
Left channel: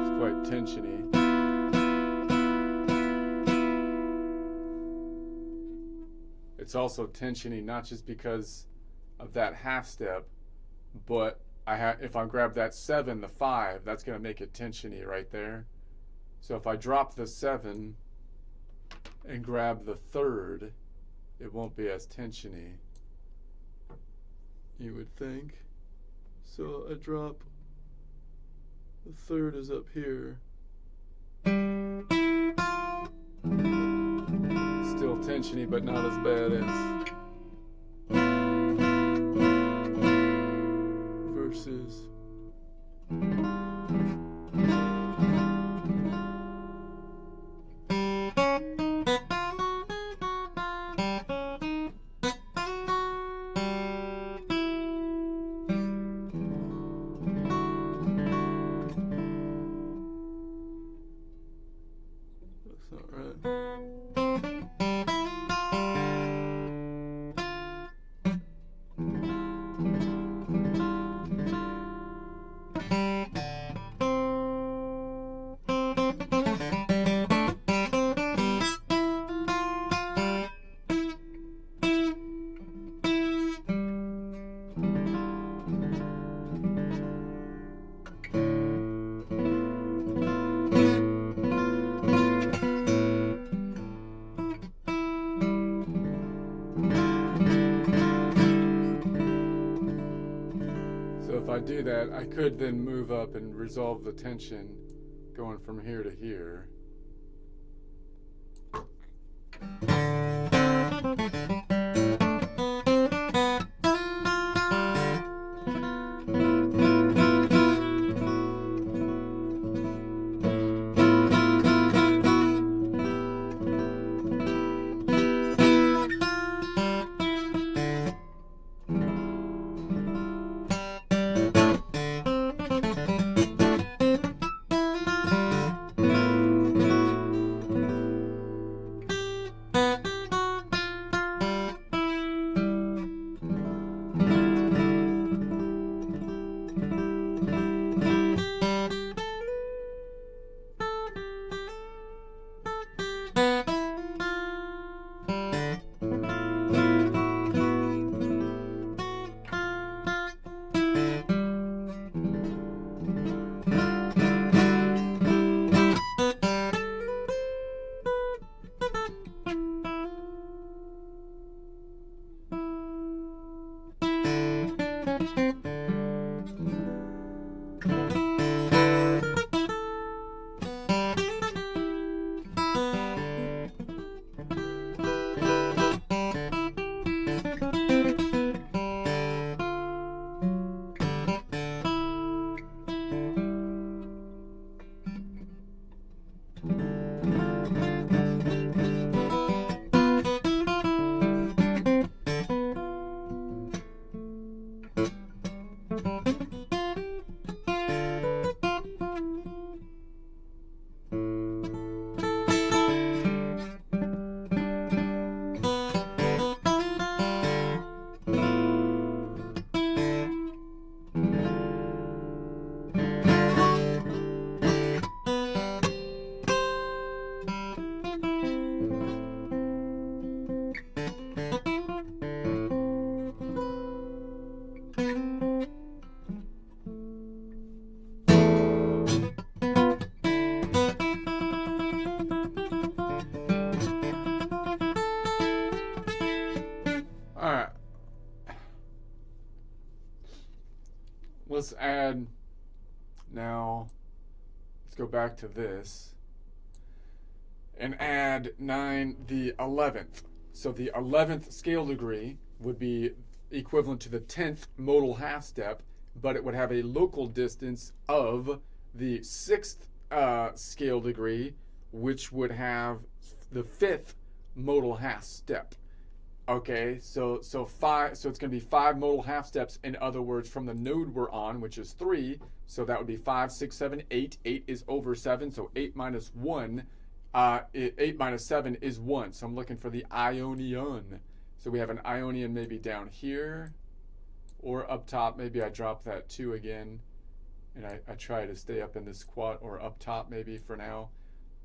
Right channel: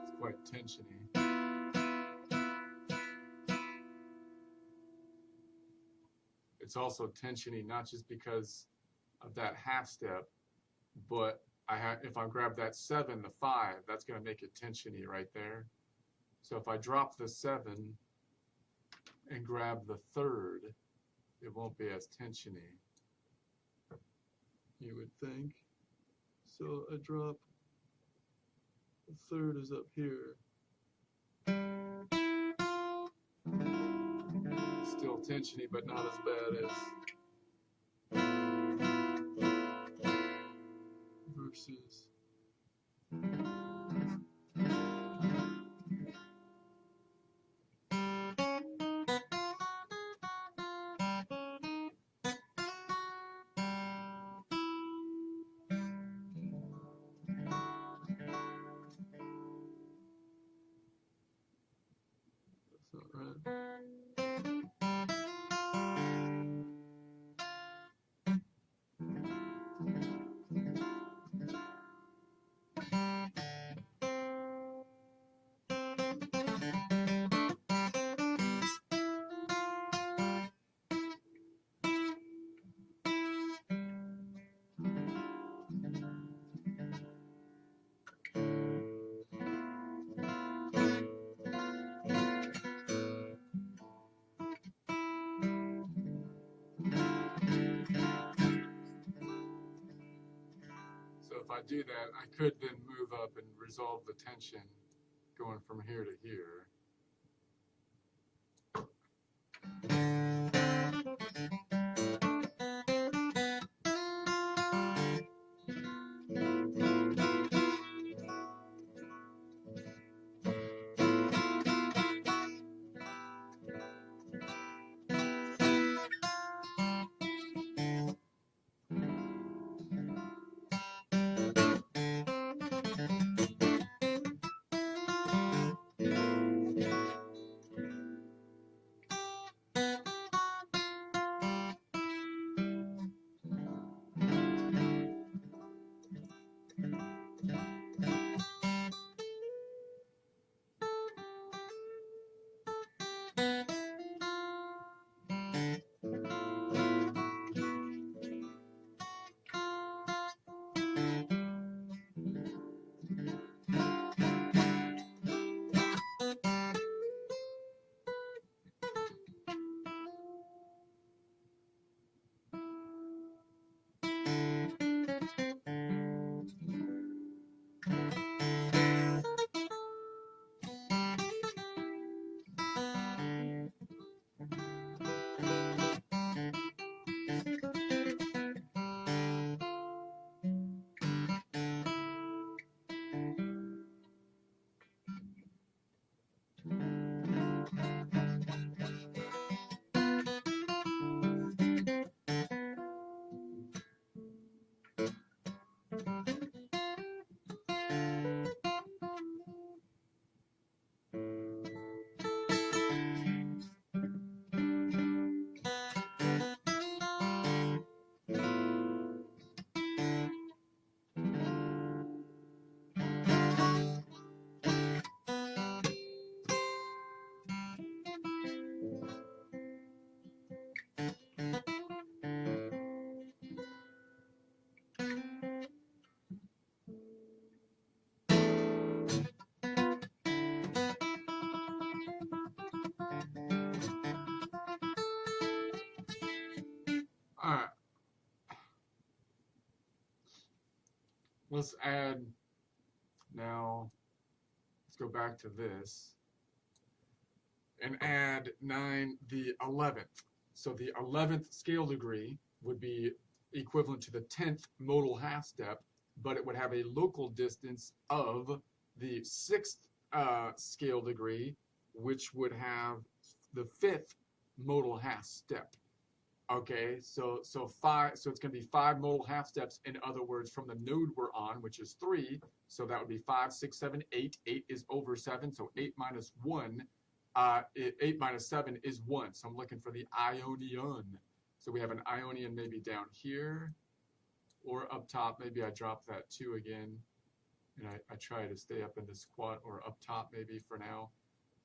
It's quite tensiony. It's also tensiony not just because of that half step, but if I grab that 7, the 5, that's going to make it tensiony right there. So if I drop the 7 and grab the 3rd, it won't be as tensiony, you would think. So I drop, the 3rd is up here. Still tensiony, but not as bad as versus. That's not right. So if I do that, I could then move up and resolve the tension going from here to here. Alright. Let's add, now, let's go back to this and add 9, the 11th. So the 11th scale degree would be equivalent to the 10th modal half step, but it would have a local distance of the 6th scale degree, which would have the 5th modal half step. Okay, so it's going to be 5 modal half steps, in other words, from the node we're on, which is 3. So that would be 5, 6, 7, 8. 8 is over 7, so 8 minus 1, 8 minus 7 is 1. So I'm looking for the Ionian. So we have an Ionian maybe down here or up top. Maybe I drop that 2 again, and I try to stay up in this quad, or up top maybe for now.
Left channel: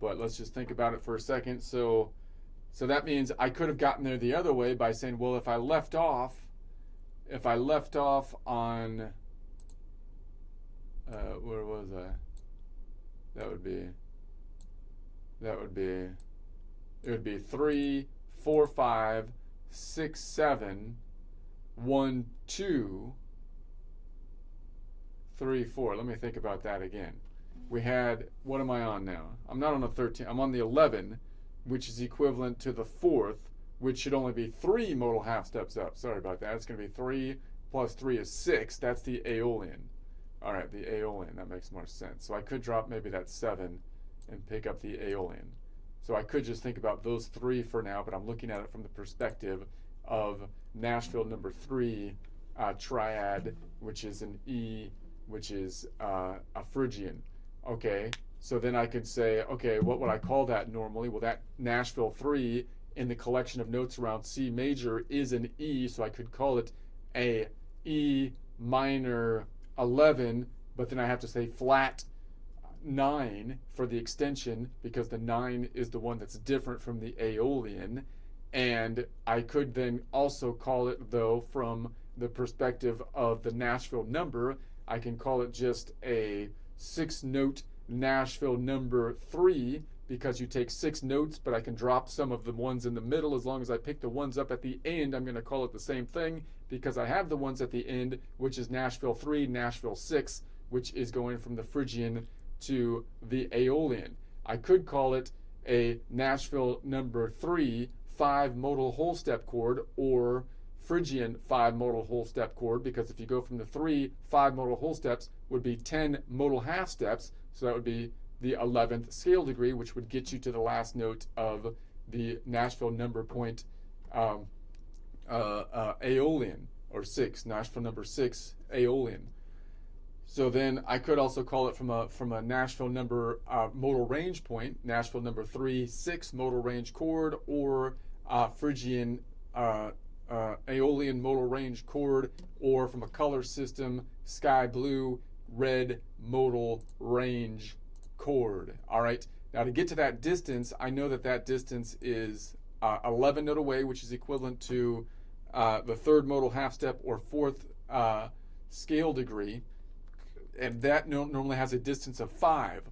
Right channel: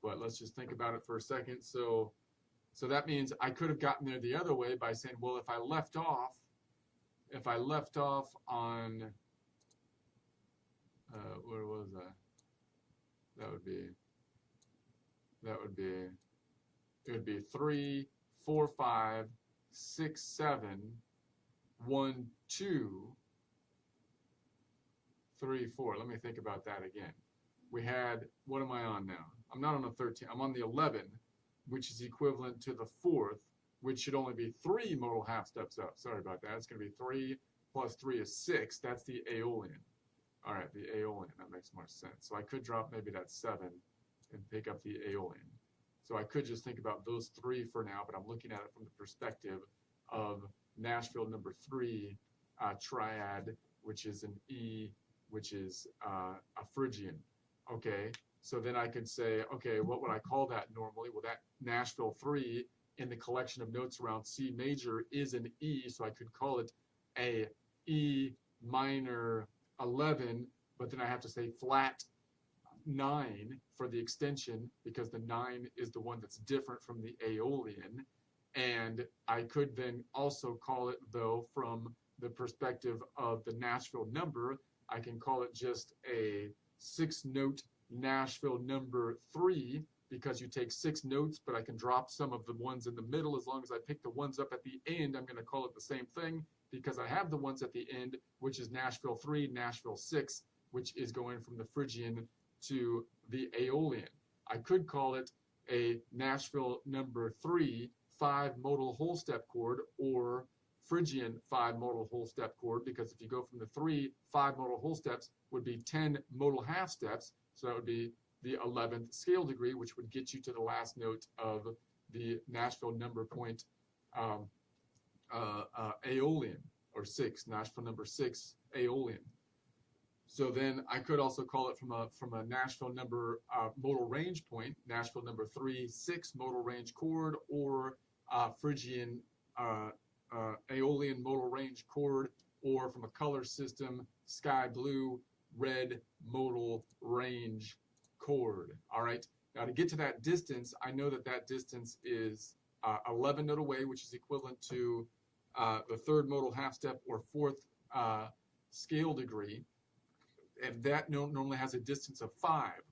But let's just think about it for a second. So that means I could have gotten there the other way by saying, well, if I left off on, where was I? It would be 3, 4, 5, 6, 7, 1, 2, 3, 4. Let me think about that again. We had, what am I on now? I'm not on the 13, I'm on the 11, which is equivalent to the 4th, which should only be 3 modal half steps up. Sorry about that. It's going to be 3 plus 3 is 6. That's the Aeolian. All right, the Aeolian. That makes more sense. So I could drop maybe that 7 and pick up the Aeolian. So I could just think about those 3 for now, but I'm looking at it from the perspective of Nashville number 3 triad, which is an E, which is a Phrygian. Okay, so then I could say, okay, what would I call that normally? Well, that Nashville 3 in the collection of notes around C major is an E, so I could call it a E minor 11, but then I have to say flat 9 for the extension, because the 9 is the one that's different from the Aeolian. And I could then also call it, though, from the perspective of the Nashville number, I can call it just a 6-note Nashville number 3, because you take 6 notes, but I can drop some of the ones in the middle. As long as I pick the ones up at the end, I'm going to call it the same thing, because I have the ones at the end, which is Nashville 3, Nashville 6, which is going from the Phrygian to the Aeolian. I could call it a Nashville number 3 5 modal whole step chord, or Phrygian 5 modal whole step chord, because if you go from the 3, 5 modal whole steps would be 10 modal half steps, so that would be the 11th scale degree, which would get you to the last note of the Nashville number point Aeolian, or 6, Nashville number 6 Aeolian. So then I could also call it from a Nashville number modal range point, Nashville number 3 6 modal range chord, or Phrygian Aeolian modal range chord, or from a color system, sky blue red modal range chord. All right, now to get to that distance, I know that that distance is 11 note away, which is equivalent to the 3rd modal half step or 4th scale degree, and that note normally has a distance of 5,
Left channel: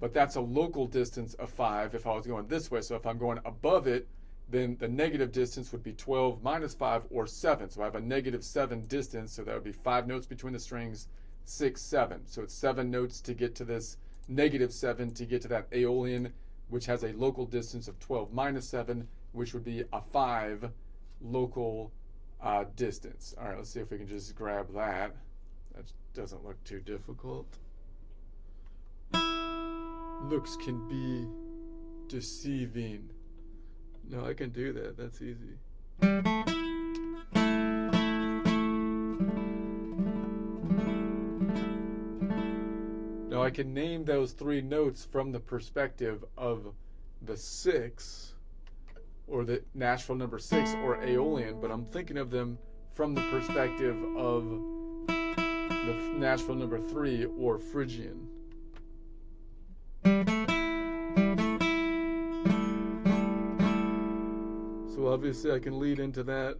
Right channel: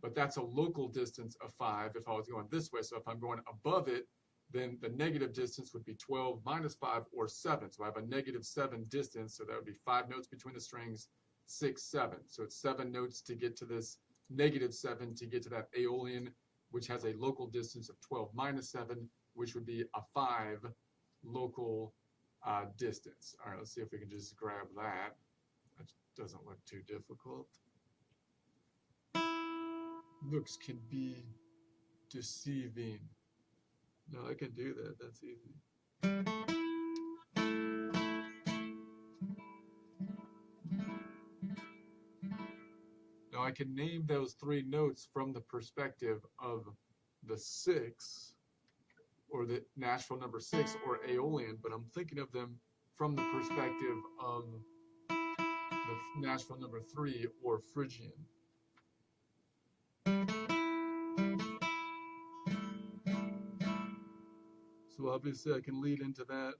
but that's a local distance of 5 if I was going this way. So if I'm going above it, then the negative distance would be 12 minus 5, or 7. So I have a negative 7 distance, so that would be 5 notes between the strings, 6, 7. So it's 7 notes to get to this negative 7 to get to that Aeolian, which has a local distance of 12 minus 7, which would be a 5 local distance. All right, let's see if we can just grab that. That doesn't look too difficult. Looks can be deceiving. No, I can do that. That's easy. Now I can name those 3 notes from the perspective of the 6, or the Nashville number 6, or Aeolian, but I'm thinking of them from the perspective of the Nashville number 3, or Phrygian. So obviously I can lead into that.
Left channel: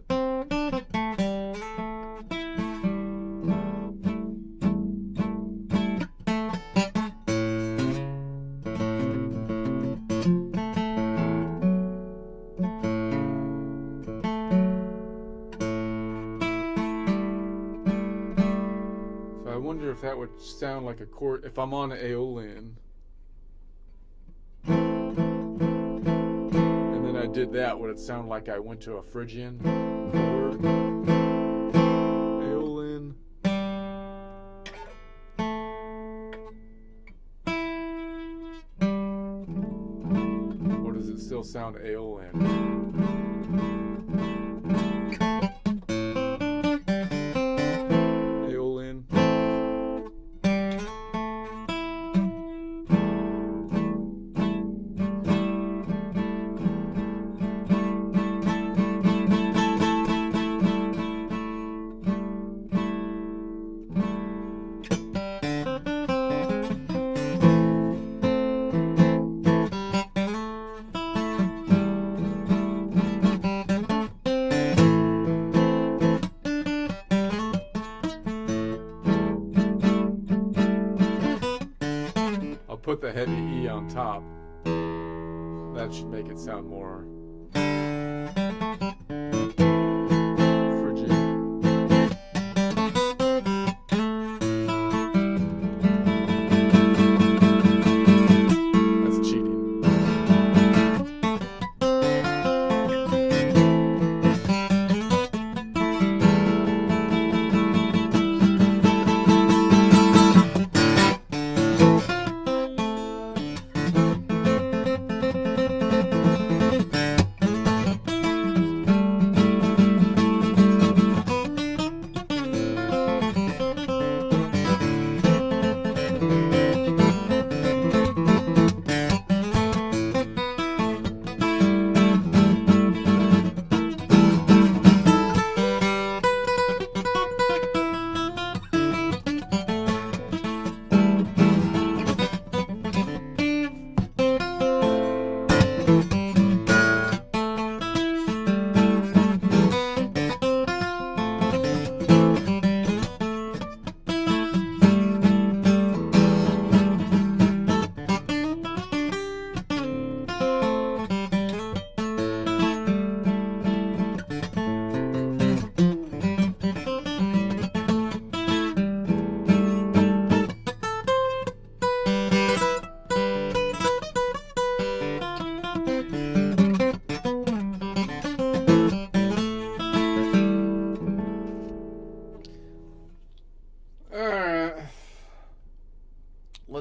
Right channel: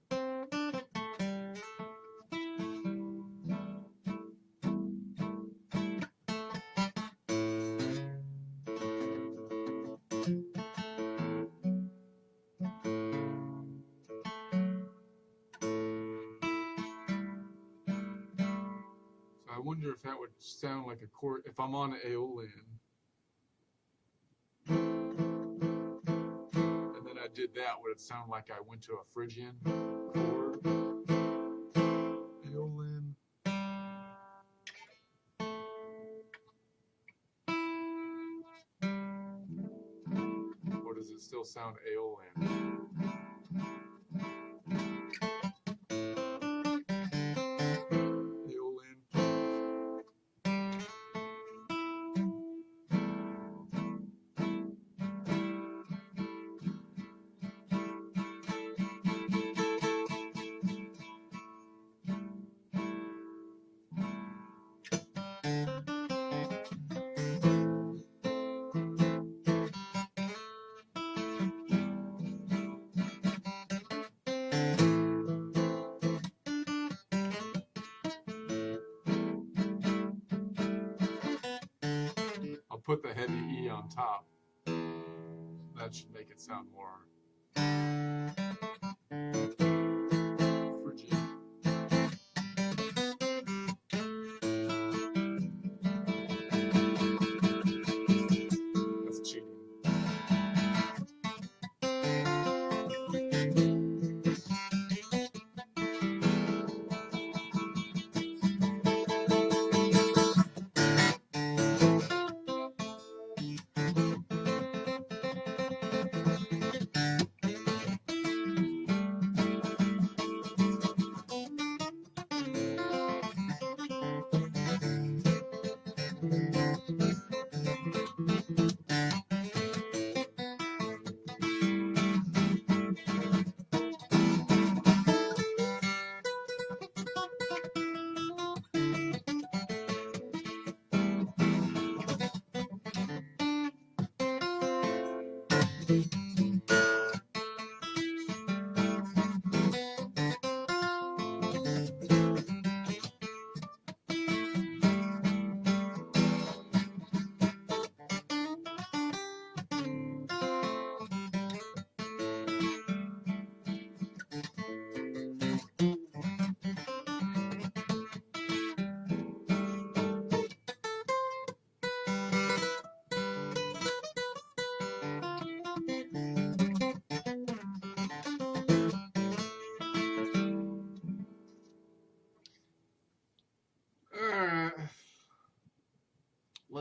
So I wonder if that would sound like a chord if I'm on an Aeolian. I did that, would it sound like I went to a Phrygian chord? Aeolian. Or does it still sound Aeolian? Aeolian. Put the heavy E on top. That should make it sound more Phrygian. That's cheating.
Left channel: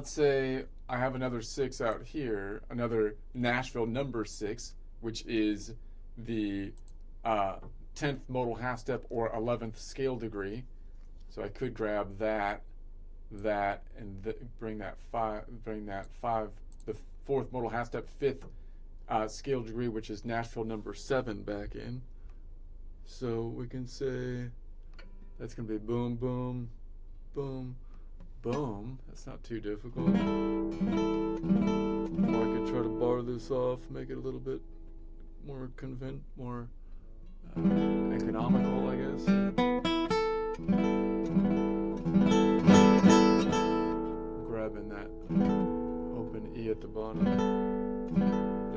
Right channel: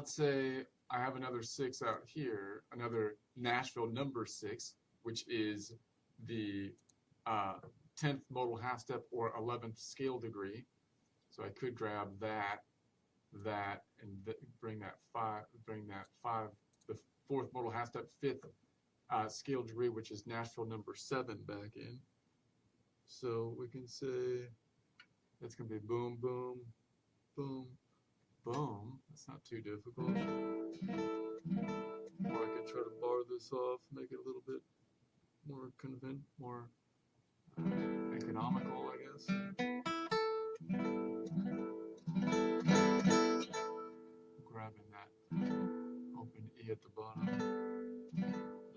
let's say I have another 6 out here, another Nashville number 6, which is the 10th modal half step or 11th scale degree. So I could grab that, and bring that 5, the 4th modal half step, 5th scale degree, which is Nashville number 7, back in. So we can say that's going to be boom, boom, boom, boom. That's not too difficult. Or I could try to bar this off, make it a little bit more more economical, I guess. Grabbing that open E at the bottom.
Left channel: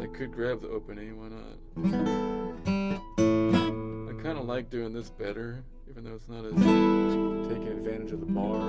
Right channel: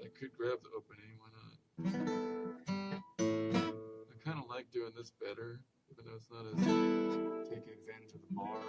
I could grab the open E, why not? I kind of like doing this better, even though it's not as taking advantage of the bar.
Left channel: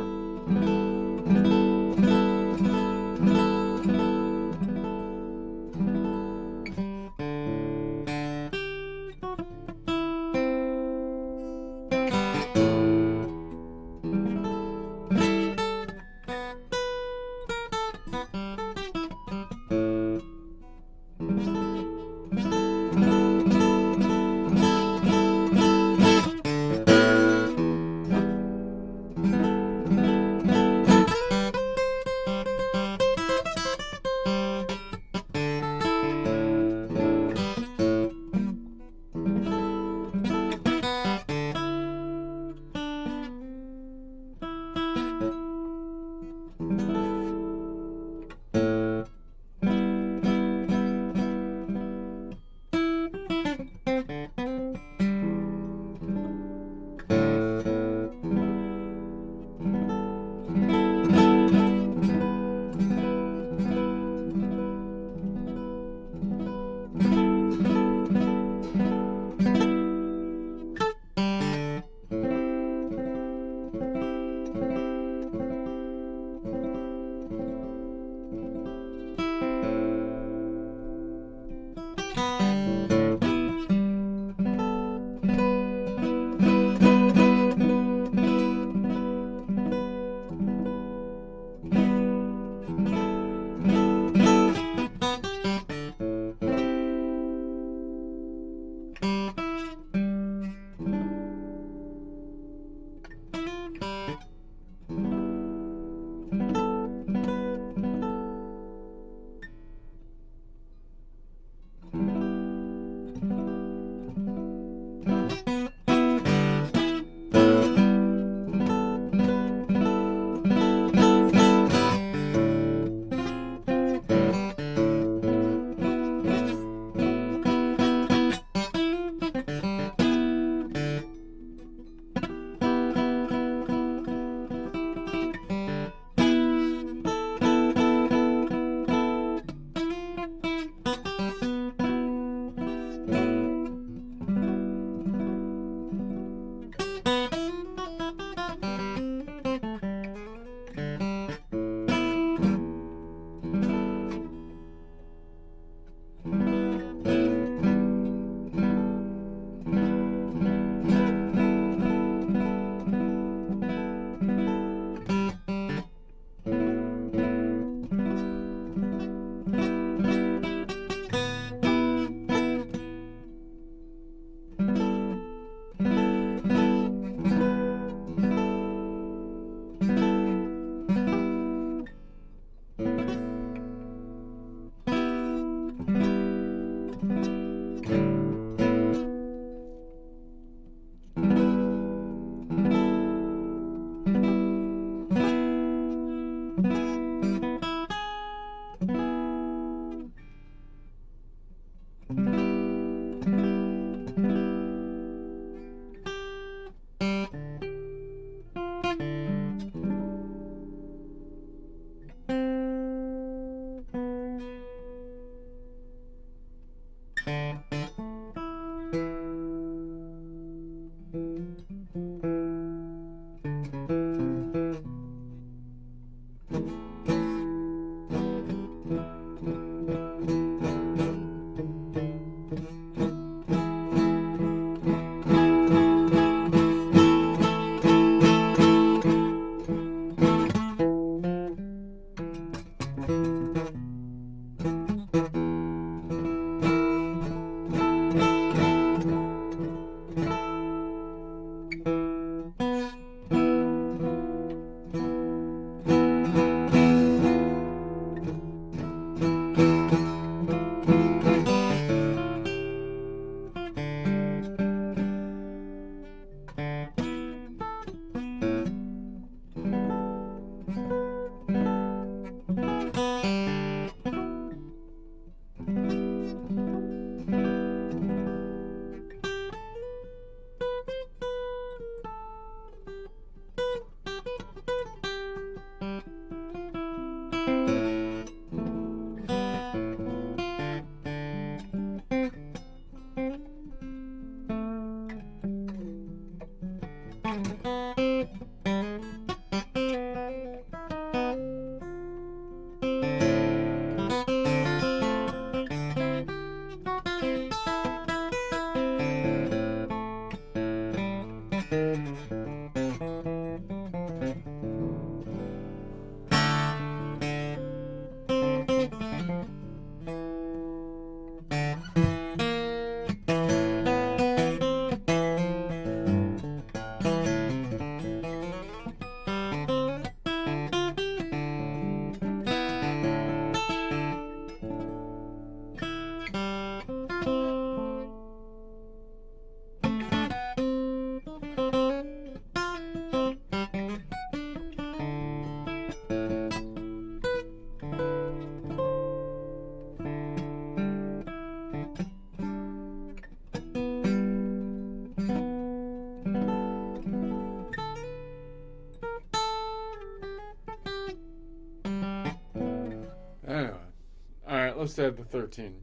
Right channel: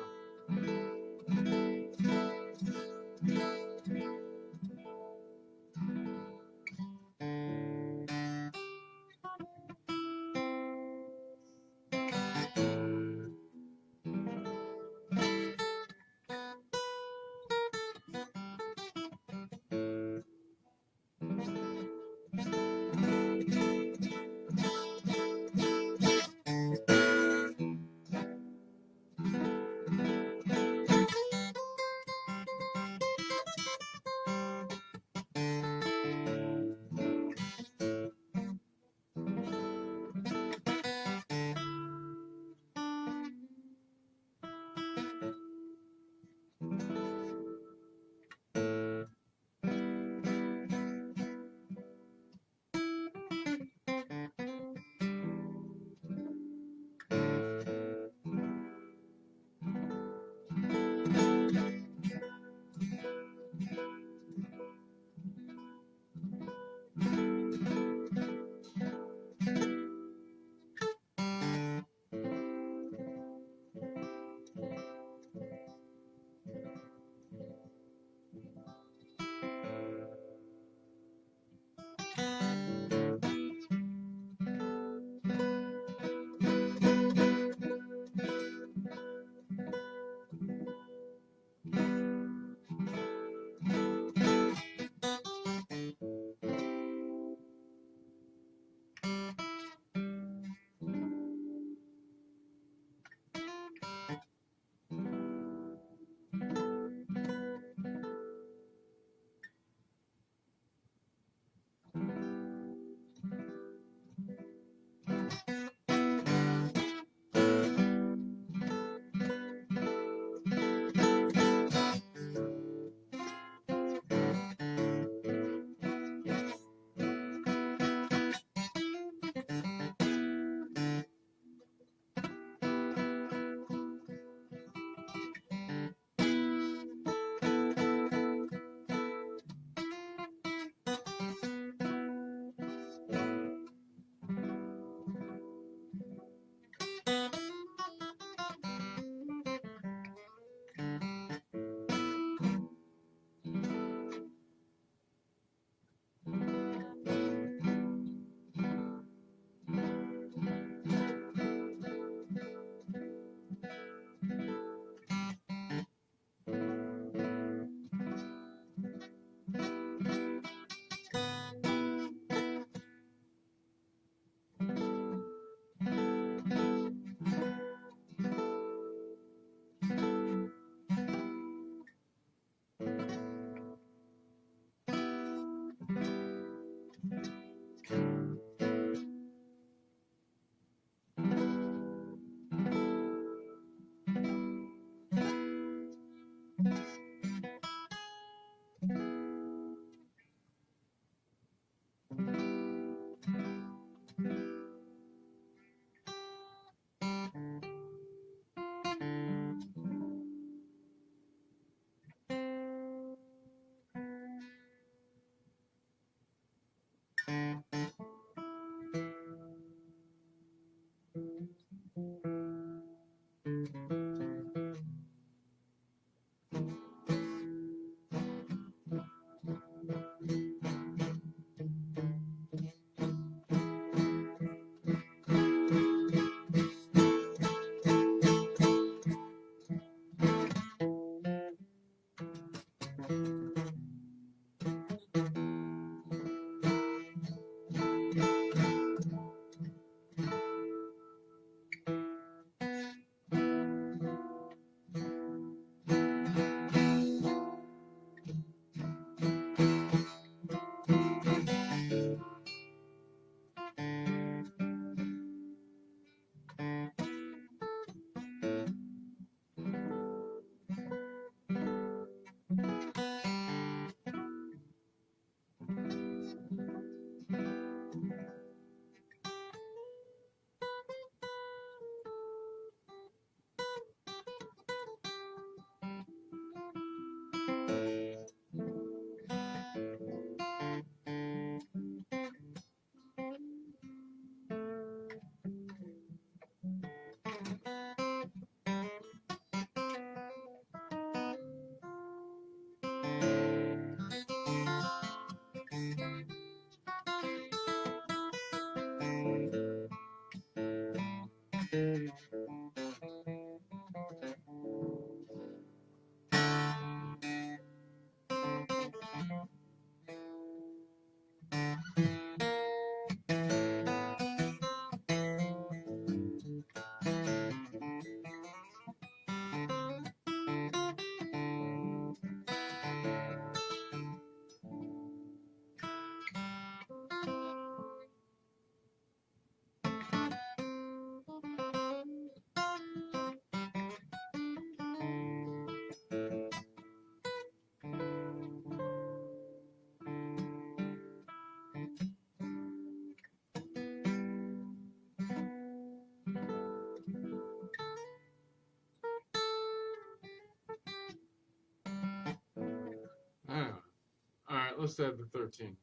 almost had the 13.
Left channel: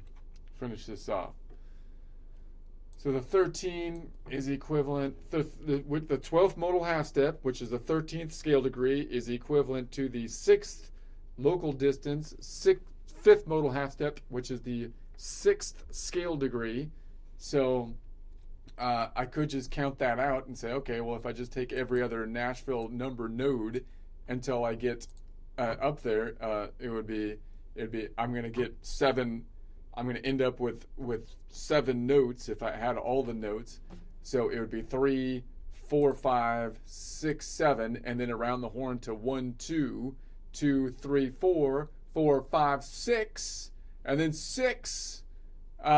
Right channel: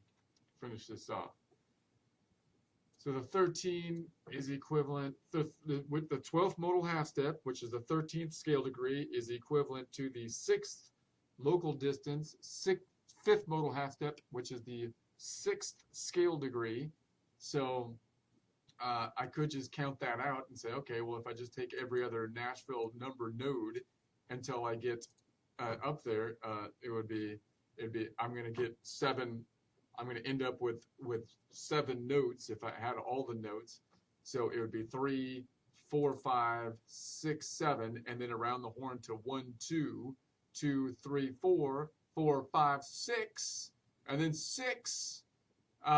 Finish this off. So the 13 is equivalent, with the 12th modal half step, which is the 13th scale degree, is equivalent to the 6th local distance, 5th modal half step, which is the 6th scale degree. So I could just count that out and say, okay, well, if I just take every other Nashville number node until I get up there, it'd be I'm going to get 7. I'm going to end up with 7 notes if I had all the notes. So it would be 3, 4, 5, 6, 7, and then around the horn to 1, 2, 2, 3, 4, 4, 5, 6, and then 6,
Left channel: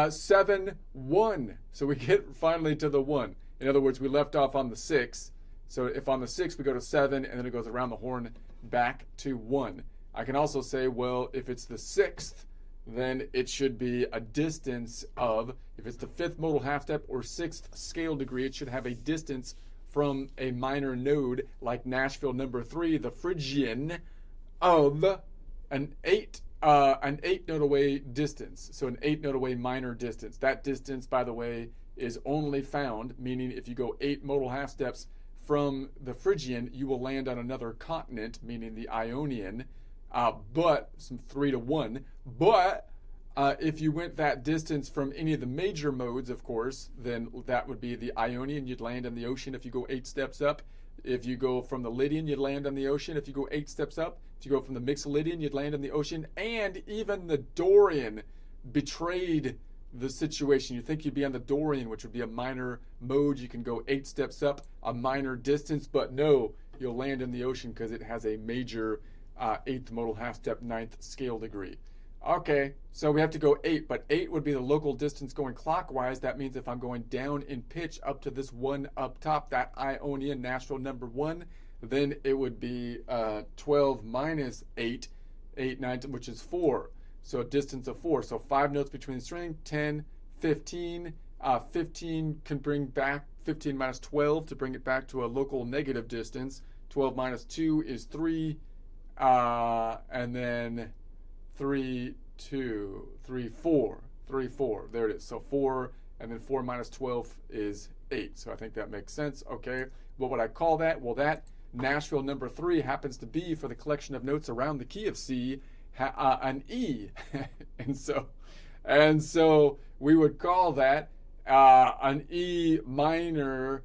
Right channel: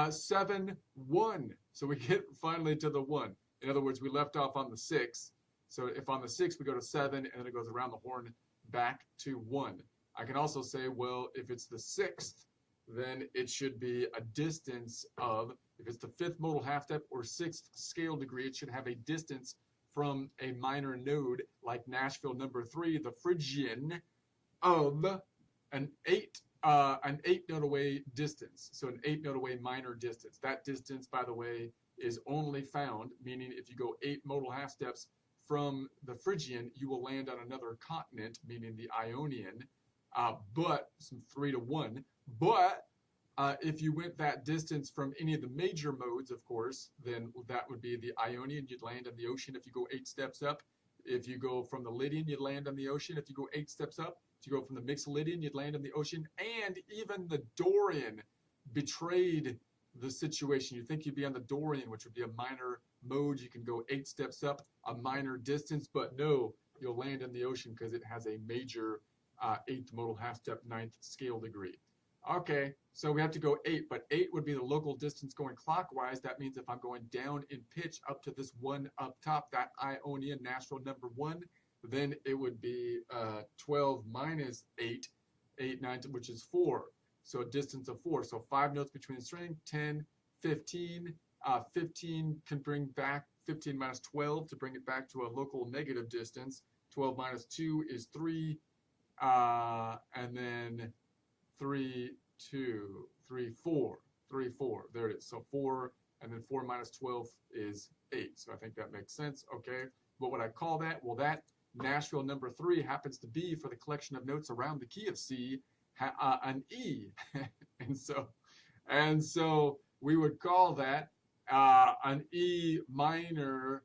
7, 1. So we get finally to the 1. In other words, we left off on the 6. So if on the 6 we go to 7, and then it goes around the horn back to 1. I can also say, well, if it's the 6th, then it should be a distance of, if it's the 5th modal half step or 6th scale degree, it should have a distance from a minor node like Nashville number 3, the Phrygian, of an 8 note away distance. So an 8 note away minor distance. That distance, by the way, is only found, meaning if you go 8 modal half steps from the Phrygian, you will land on another continent, meaning the Ionian, but some 3 to 1. But if you went that distance from any of the major modes, of course, then that would be the Ionian. You'd land on the ocean if you go 8 steps up. If you go from the Lydian, you'd land on the ocean if you go 8 steps up. If you go from the Mixolydian, you'd land on the ocean. And even the Dorian betrayed the situation. You think you'd be on the Dorian, which would be a minor mode. You can go 8 steps up, a minor distance, but no, you'll land in the ocean because it has a major 8th modal half step 9th scale degree. Okay, so we have to go 8, but 8 would be the local distance going clockwise. That means if I'm going down in pitch up to this 1 up top, that Ionian Nashville number 1, then it would be 12 minus 8, 8, 9, which is 4. So a distance of 4. So 5 notes between the string, 10, 15. 15 can bring back 15 minus 12 to bring it back to a local negative distance. 12 minus 2 is 3. And then 3, 2, 3, 4. 3, 4. There it is. So 4, and then 4 minus 12 is 8. So I think that makes sense. Okay. What would I call that? Well, that Nashville number 3 happens to be, for the collection of notes around the key of C, an E. and so we would call that an E minor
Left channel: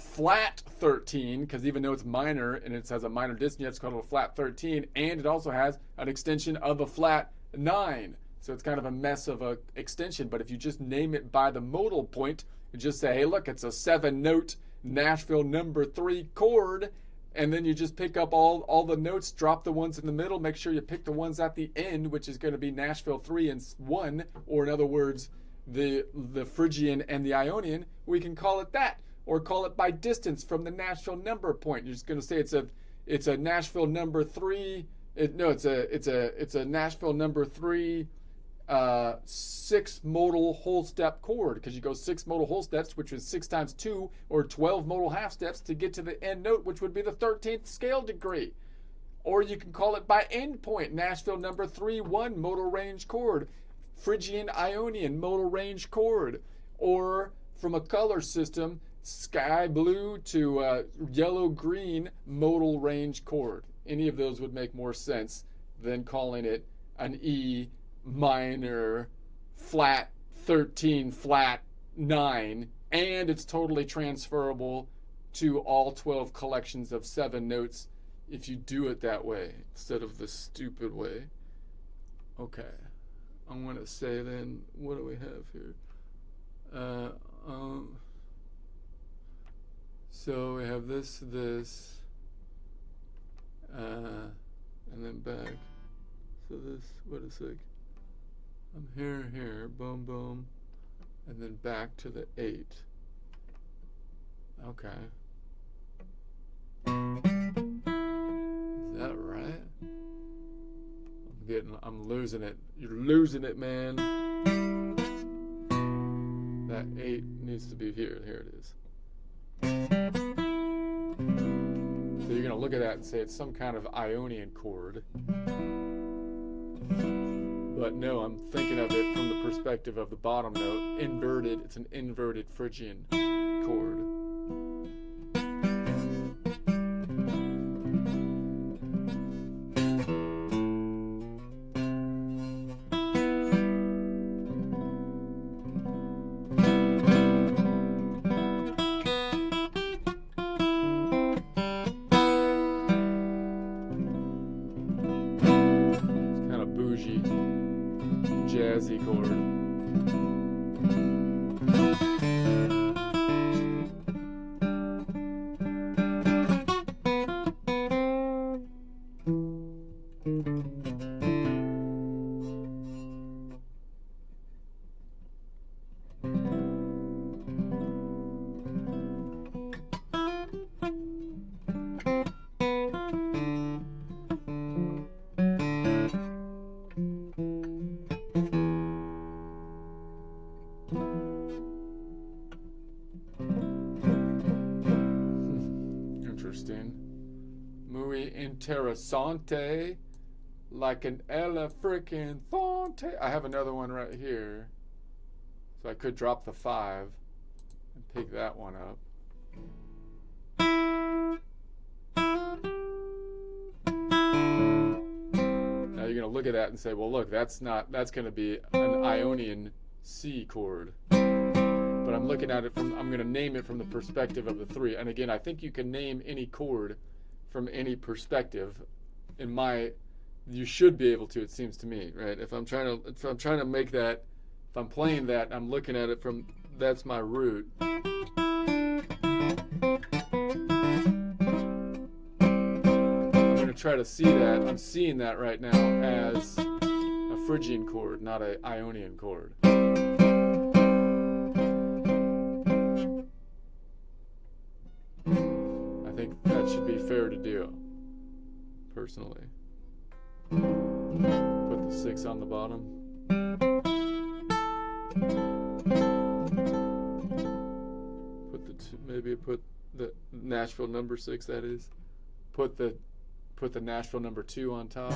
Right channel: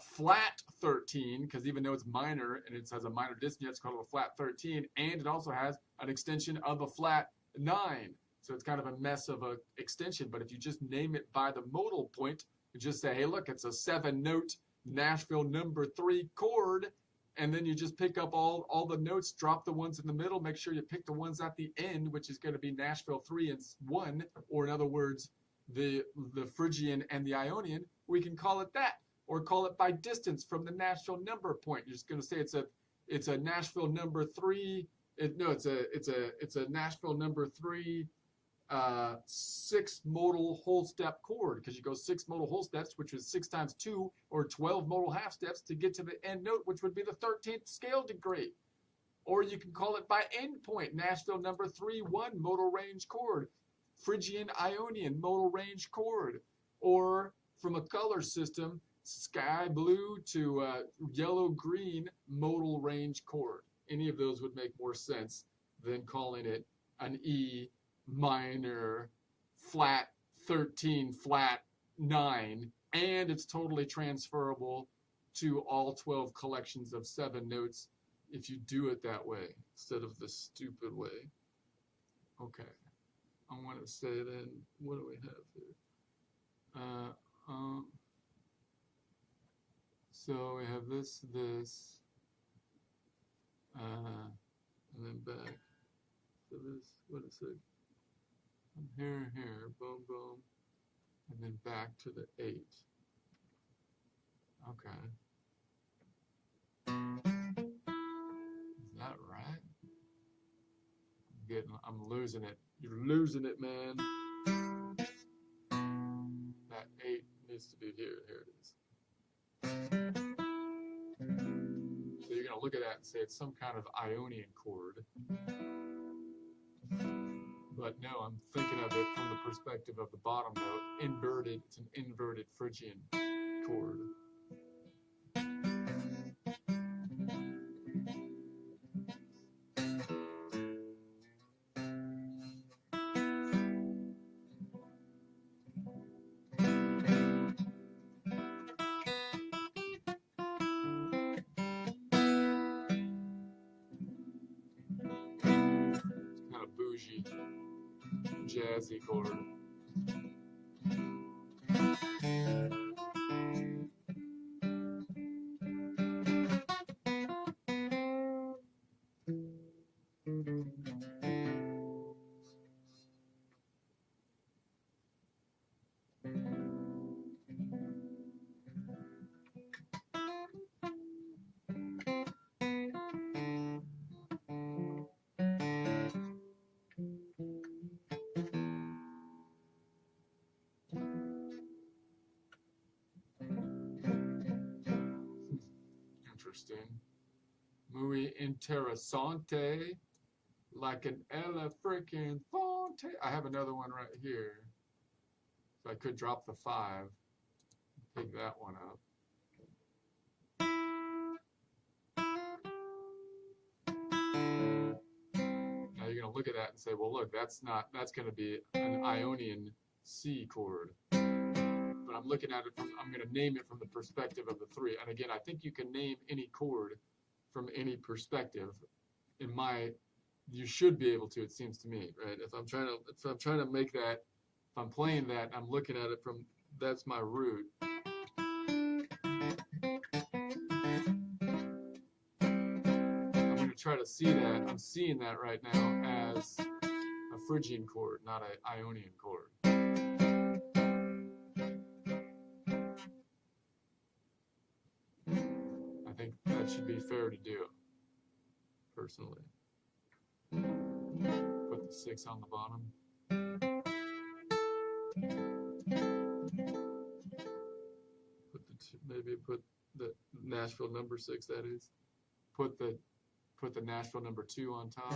flat 13, because even though it's minor and it has a minor distance, you have to call it a flat 13, and it also has an extension of a flat 9. So it's kind of a mess of a extension, but if you just name it by the modal point, you just say, hey, look, it's a 7-note Nashville number 3 chord, and then you just pick up all the notes, drop the ones in the middle, make sure you pick the ones at the end, which is going to be Nashville 3 and 1, or in other words, the Phrygian and the Ionian. We can call it that, or call it by distance from the Nashville number point. You're just going to say it's a Nashville number 3. It's a Nashville number 3 6 modal whole step chord, because you go 6 modal whole steps, which is 6 times 2, or 12 modal half steps to get to the end note, which would be the 13th scale degree. Or you can call it by end point, Nashville number 3 1 modal range chord, Phrygian Ionian modal range chord, or from a color system, sky blue to yellow green modal range chord. Any of those would make more sense than calling it an E minor flat 13 flat 9, and it's totally transferable to all 12 collections of 7 notes if you do it that way instead of the stupid way. Okay, I'm going to say then, what do we have here? So we have this, and then back. So this, what is it? I'm here, boom, boom, and then back to the 8. Okay. Is that right? I'm losing it. You're losing it, man. That 8 needs to be here. Here it is. So you're going to look at that and say it's some kind of Ionian chord. But no, I'm thinking of it from the perspective of the bottom note. Inverted, it's an inverted Phrygian chord. Bougie, jazzy chord. Interesting. Muy interessante. Like an ella frickin' fonte. I have another one right here. So I could drop the 5 and pick that one up. Now you're gonna look at that and say, well look, that's gonna be an Ionian C chord. But I'm looking at it I'm going to name it from the perspective of the 3. And again, I think you can name any chord from any perspective. You should be able to, it seems to me, right? If I'm trying to make that, if I'm playing that, I'm looking at it from, that's my root. I'm going to try to see that, I'm seeing that right now as a Phrygian chord, not an Ionian chord. That should be fair to do, personally. Put the 6 on the bottom. Maybe put the Nashville number 6, that is. Put the Nashville number 2 on top.